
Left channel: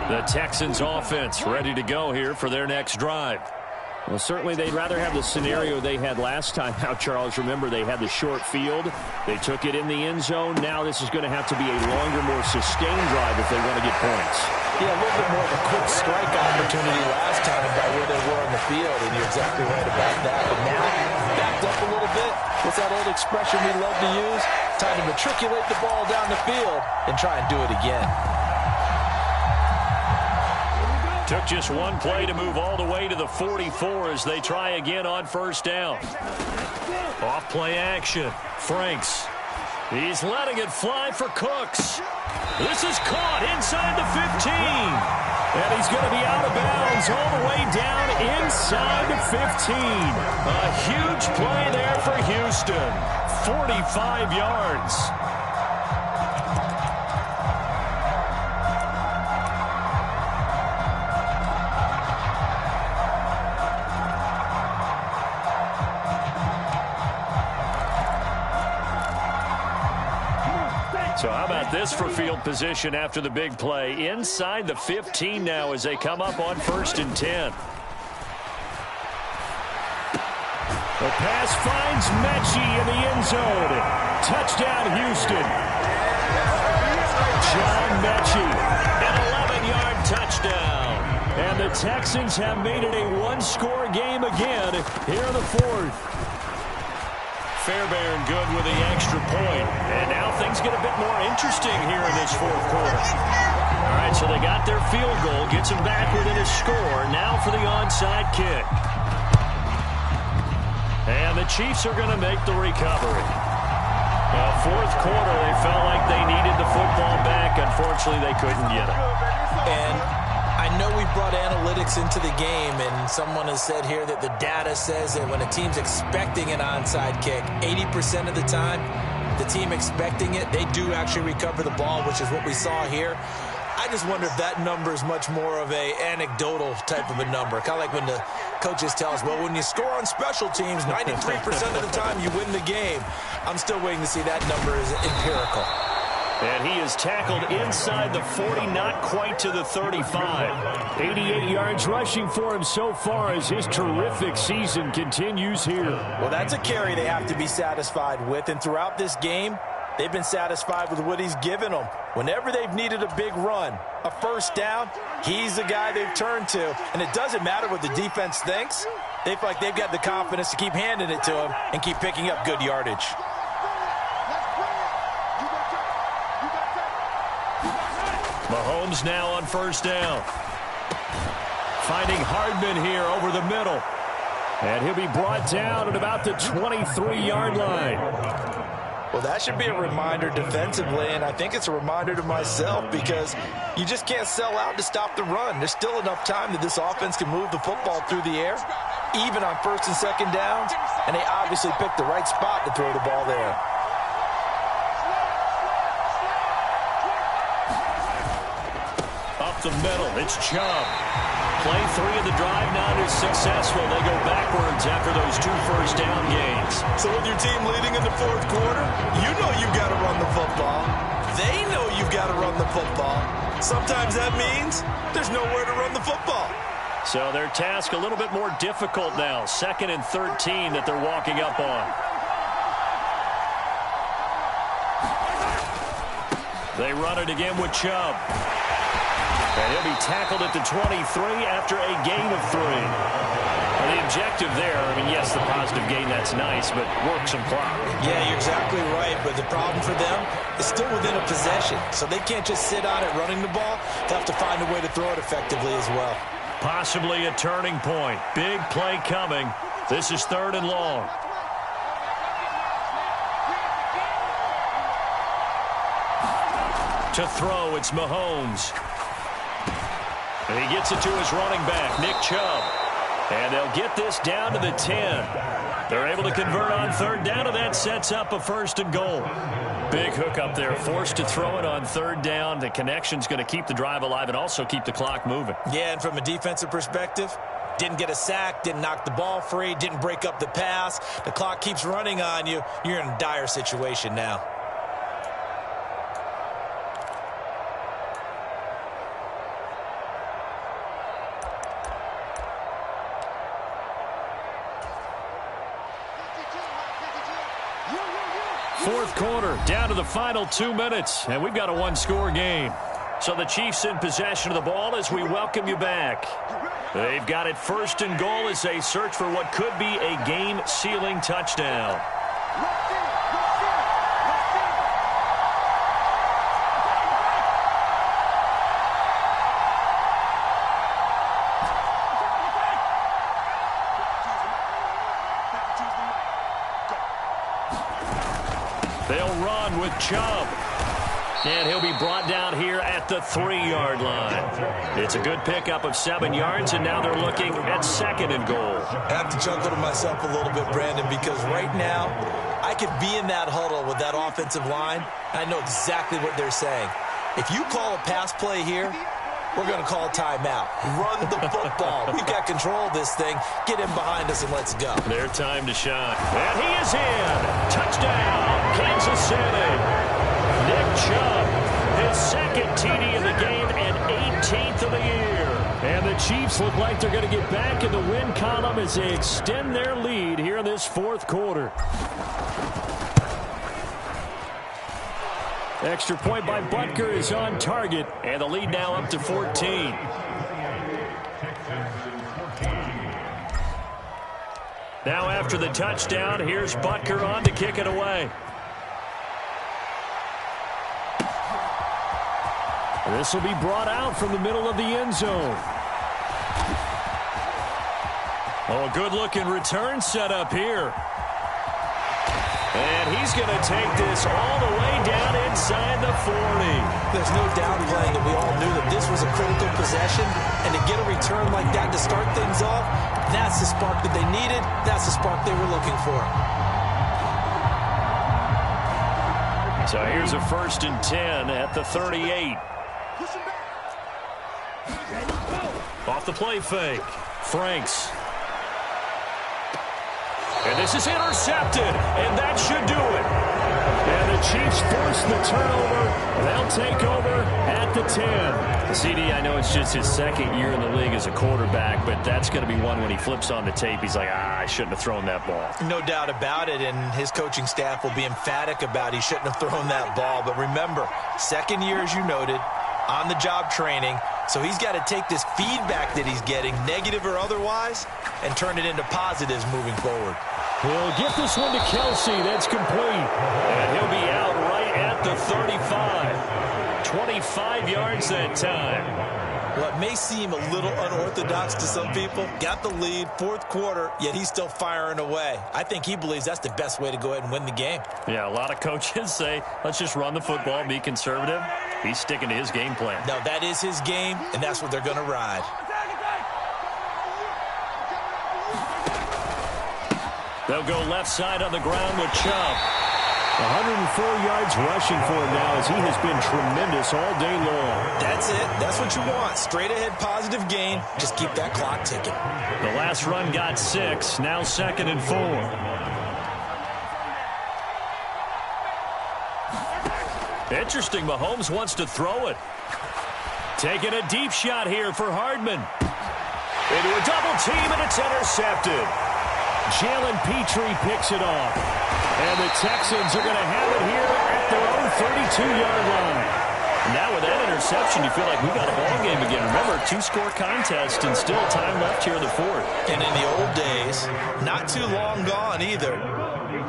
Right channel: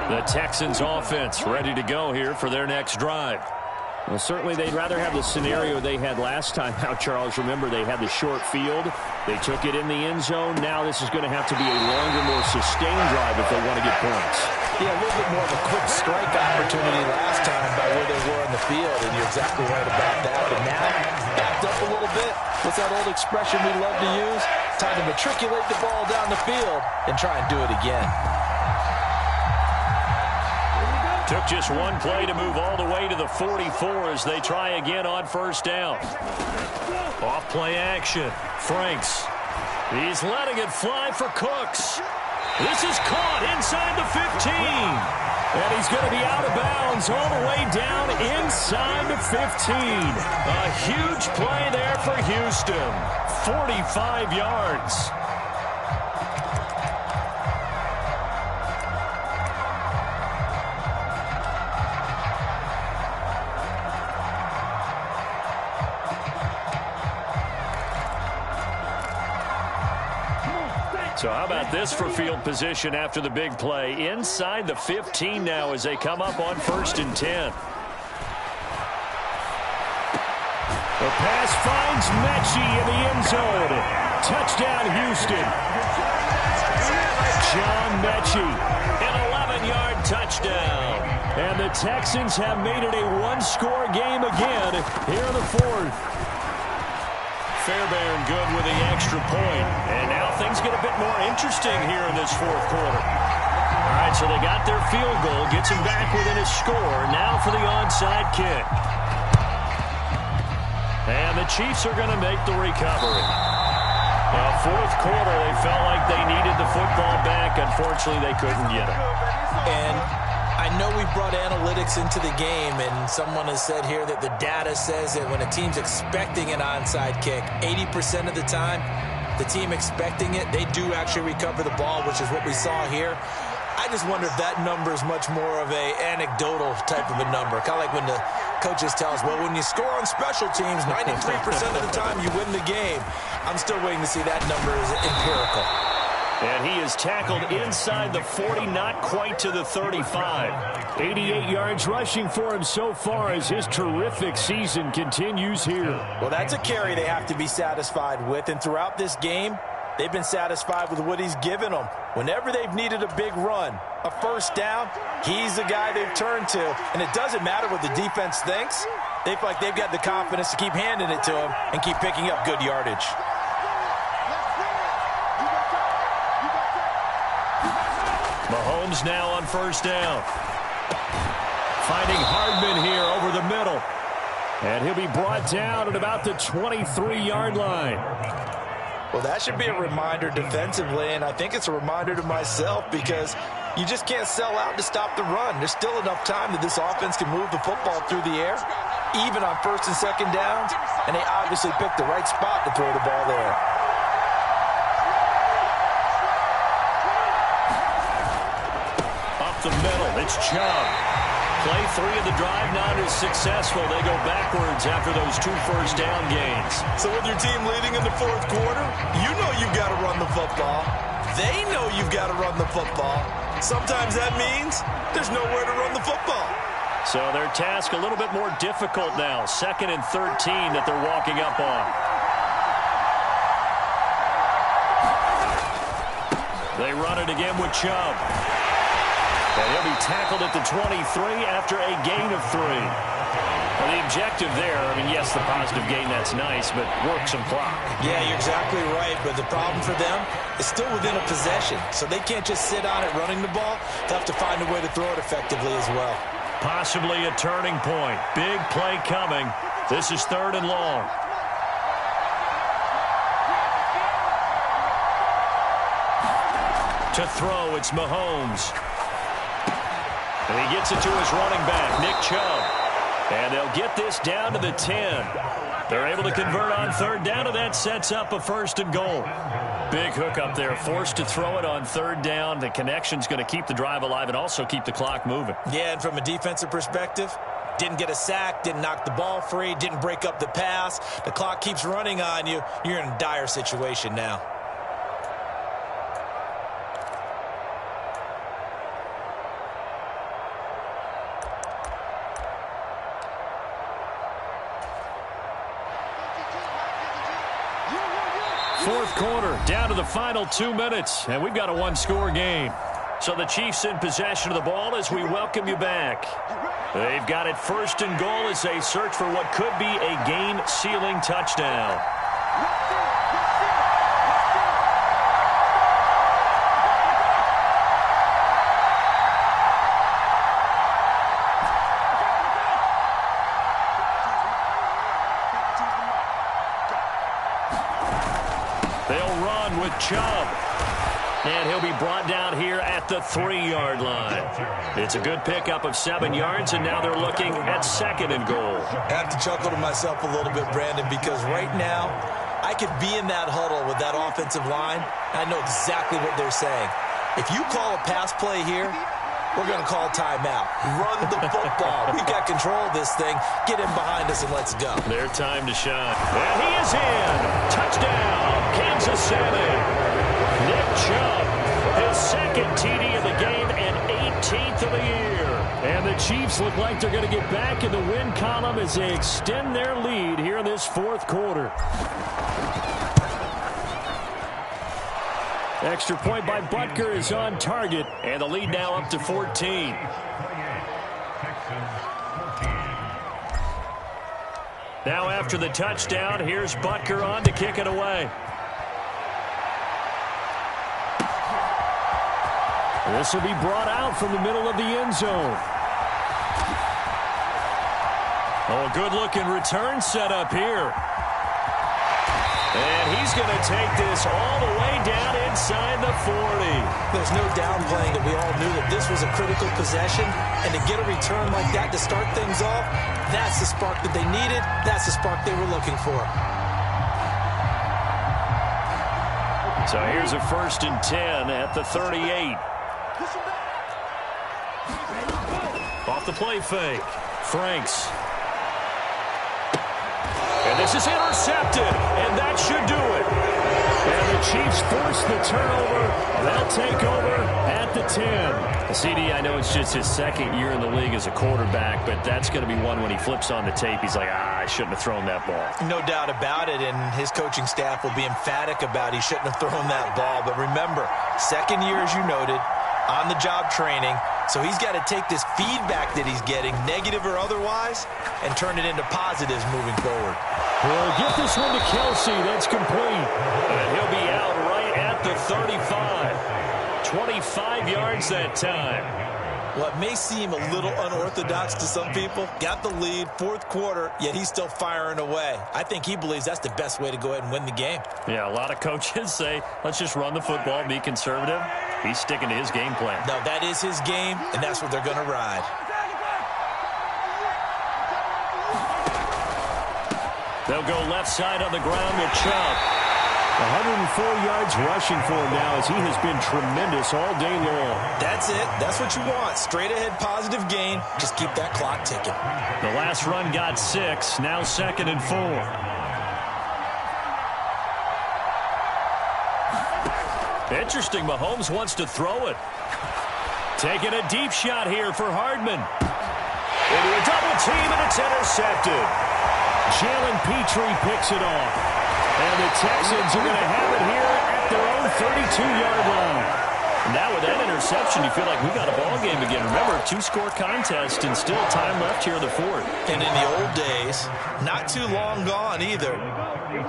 The Texans offense ready to go here for their next drive. Well, certainly they'd rather have the scenario they had last time out, Charles. Remember, they had the short field. They took it in the end zone. Now this is going to have to be a longer, more sustained drive if they want to get points. Yeah, a little bit more of a quick strike opportunity last time by where they were on the field, and you're exactly right about that. But now, backed up a little bit, what's that old expression we love to use? Time to matriculate the ball down the field and try and do it again. Took just one play to move all the way to the 44 as they try again on first down. Off play action. Franks. He's letting it fly for Cooks. This is caught inside the 15. And he's going to be out of bounds all the way down inside the 15. A huge play there for Houston. 45 yards. So how about this for field position after the big play? Inside the 15 now as they come up on 1st and 10. The pass finds Mechie in the end zone. Touchdown, Houston. John Mechie, an 11-yard touchdown. And the Texans have made it a one-score game again here in the 4th. Fairbairn good with the extra point. And now things get a bit more interesting here in this 4th quarter. All right, so they got their field goal, gets them back within a score. Now for the onside kick. And the Chiefs are going to make the recovery. Well, 4th quarter, they felt like they needed the football back. Unfortunately, they couldn't get it. And I know we brought analytics into the game, and someone has said here that the data says that when a team's expecting an onside kick, 80% of the time, the team expecting it, they do actually recover the ball, which is what we saw here. I just wonder if that number is much more of a anecdotal type of a number. Kind of like when the coaches tell us, well, when you score on special teams, 93% of the time you win the game. I'm still waiting to see that number is empirical. And he is tackled inside the 40, not quite to the 35. 88 yards rushing for him so far as his terrific season continues here. Well, that's a carry they have to be satisfied with. And throughout this game, they've been satisfied with what he's given them. Whenever they've needed a big run, a first down, he's the guy they've turned to. And it doesn't matter what the defense thinks. They feel like they've got the confidence to keep handing it to him and keep picking up good yardage. Mahomes now on first down. Finding Hardman here over the middle. And he'll be brought down at about the 23-yard line. Well, that should be a reminder defensively, and I think it's a reminder to myself because you just can't sell out to stop the run. There's still enough time that this offense can move the football through the air, even on 1st and 2nd downs, and they obviously picked the right spot to throw the ball there. The middle, it's Chubb. Play 3 of the drive not as successful. They go backwards after those 2 first down gains. So with your team leading in the 4th quarter, you know you've got to run the football. They know you've got to run the football. Sometimes that means there's nowhere to run the football. So their task a little bit more difficult now. 2nd and 13 that they're walking up on. They run it again with Chubb. And he'll be tackled at the 23 after a gain of 3. Well, the objective there, I mean, yes, the positive gain, that's nice, but work some clock. Yeah, you're exactly right, but the problem for them is still within a possession. So they can't just sit on it running the ball. They'll have to find a way to throw it effectively as well. Possibly a turning point. Big play coming. This is 3rd and long. To throw, it's Mahomes. And he gets it to his running back, Nick Chubb. And they'll get this down to the 10. They're able to convert on third down, and that sets up a 1st and goal. Big hook up there, forced to throw it on third down. The connection's going to keep the drive alive and also keep the clock moving. Yeah, and from a defensive perspective, didn't get a sack, didn't knock the ball free, didn't break up the pass. The clock keeps running on you. You're in a dire situation now. Fourth quarter, down to the final 2 minutes, and we've got a one-score game. So the Chiefs in possession of the ball as we welcome you back. They've got it 1st and goal as they search for what could be a game-sealing touchdown. They'll run with Chubb. And he'll be brought down here at the 3-yard line. It's a good pickup of 7 yards, and now they're looking at 2nd and goal. I have to chuckle to myself a little bit, Brandon, because right now I could be in that huddle with that offensive line. I know exactly what they're saying. If you call a pass play here, we're going to call timeout. Run the football. We've got control of this thing. Get in behind us and let's go. Their time to shine. And he is in. Touchdown, Kansas City. Nick Chubb, his 2nd TD of the game and 18th of the year. And the Chiefs look like they're going to get back in the win column as they extend their lead here in this 4th quarter. Extra point by Butker is on target, and the lead now up to 14. Now after the touchdown, here's Butker on to kick it away. This will be brought out from the middle of the end zone. Oh, a good-looking return set up here. And he's going to take this all the way down inside the 40. There's no downplaying that we all knew that this was a critical possession, and to get a return like that to start things off, that's the spark that they needed. That's the spark they were looking for. So here's a 1st and 10 at the 38. Off the play fake. Franks. And this is intercepted, and that should do it. And the Chiefs force the turnover. They'll take over at the 10. CD, I know it's just his 2nd year in the league as a quarterback, but that's going to be one when he flips on the tape. He's like, I shouldn't have thrown that ball. No doubt about it, and his coaching staff will be emphatic about he shouldn't have thrown that ball. But remember, 2nd year, as you noted, on-the-job training. So he's got to take this feedback that he's getting, negative or otherwise, and turn it into positives moving forward. He'll get this one to Kelsey. That's complete. And he'll be out right at the 35. 25 yards that time. What may seem a little unorthodox to some people, got the lead, 4th quarter, yet he's still firing away. I think he believes that's the best way to go ahead and win the game. Yeah, a lot of coaches say, let's just run the football and be conservative. He's sticking to his game plan. No, that is his game, and that's what they're going to ride. They'll go left side on the ground with Chubb. 104 yards rushing for him now as he has been tremendous all day long. That's it. That's what you want. Straight ahead positive gain. Just keep that clock ticking. The last run got 6. Now 2nd and 4. Interesting. Mahomes wants to throw it. Taking a deep shot here for Hardman. Into a double team, and it's intercepted. Jalen Petrie picks it off. And the Texans are going to have it here at their own 32-yard line. Now with that interception, you feel like we got a ball game again. Remember, 2-score contest and still time left here in the 4th. And in the old days, not too long gone either.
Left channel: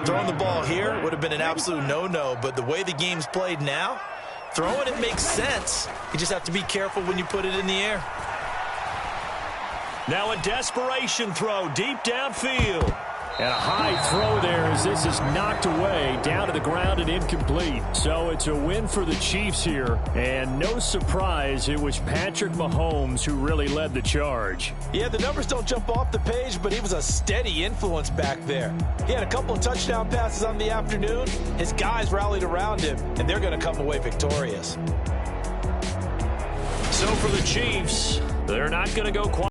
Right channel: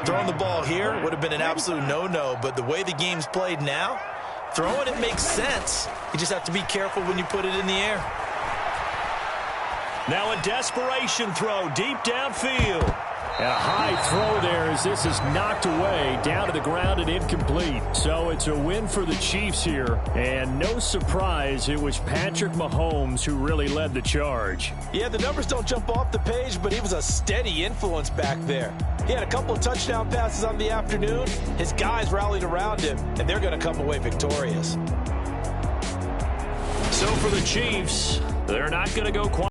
Throwing the ball here would have been an absolute no-no, but the way the game's played now, throwing it makes sense. You just have to be careful when you put it in the air. Now a desperation throw deep downfield. And a high throw there as this is knocked away, down to the ground and incomplete. So it's a win for the Chiefs here. And no surprise, it was Patrick Mahomes who really led the charge. Yeah, the numbers don't jump off the page, but he was a steady influence back there. He had a couple of touchdown passes on the afternoon. His guys rallied around him, and they're going to come away victorious. So for the Chiefs, they're not going to go quite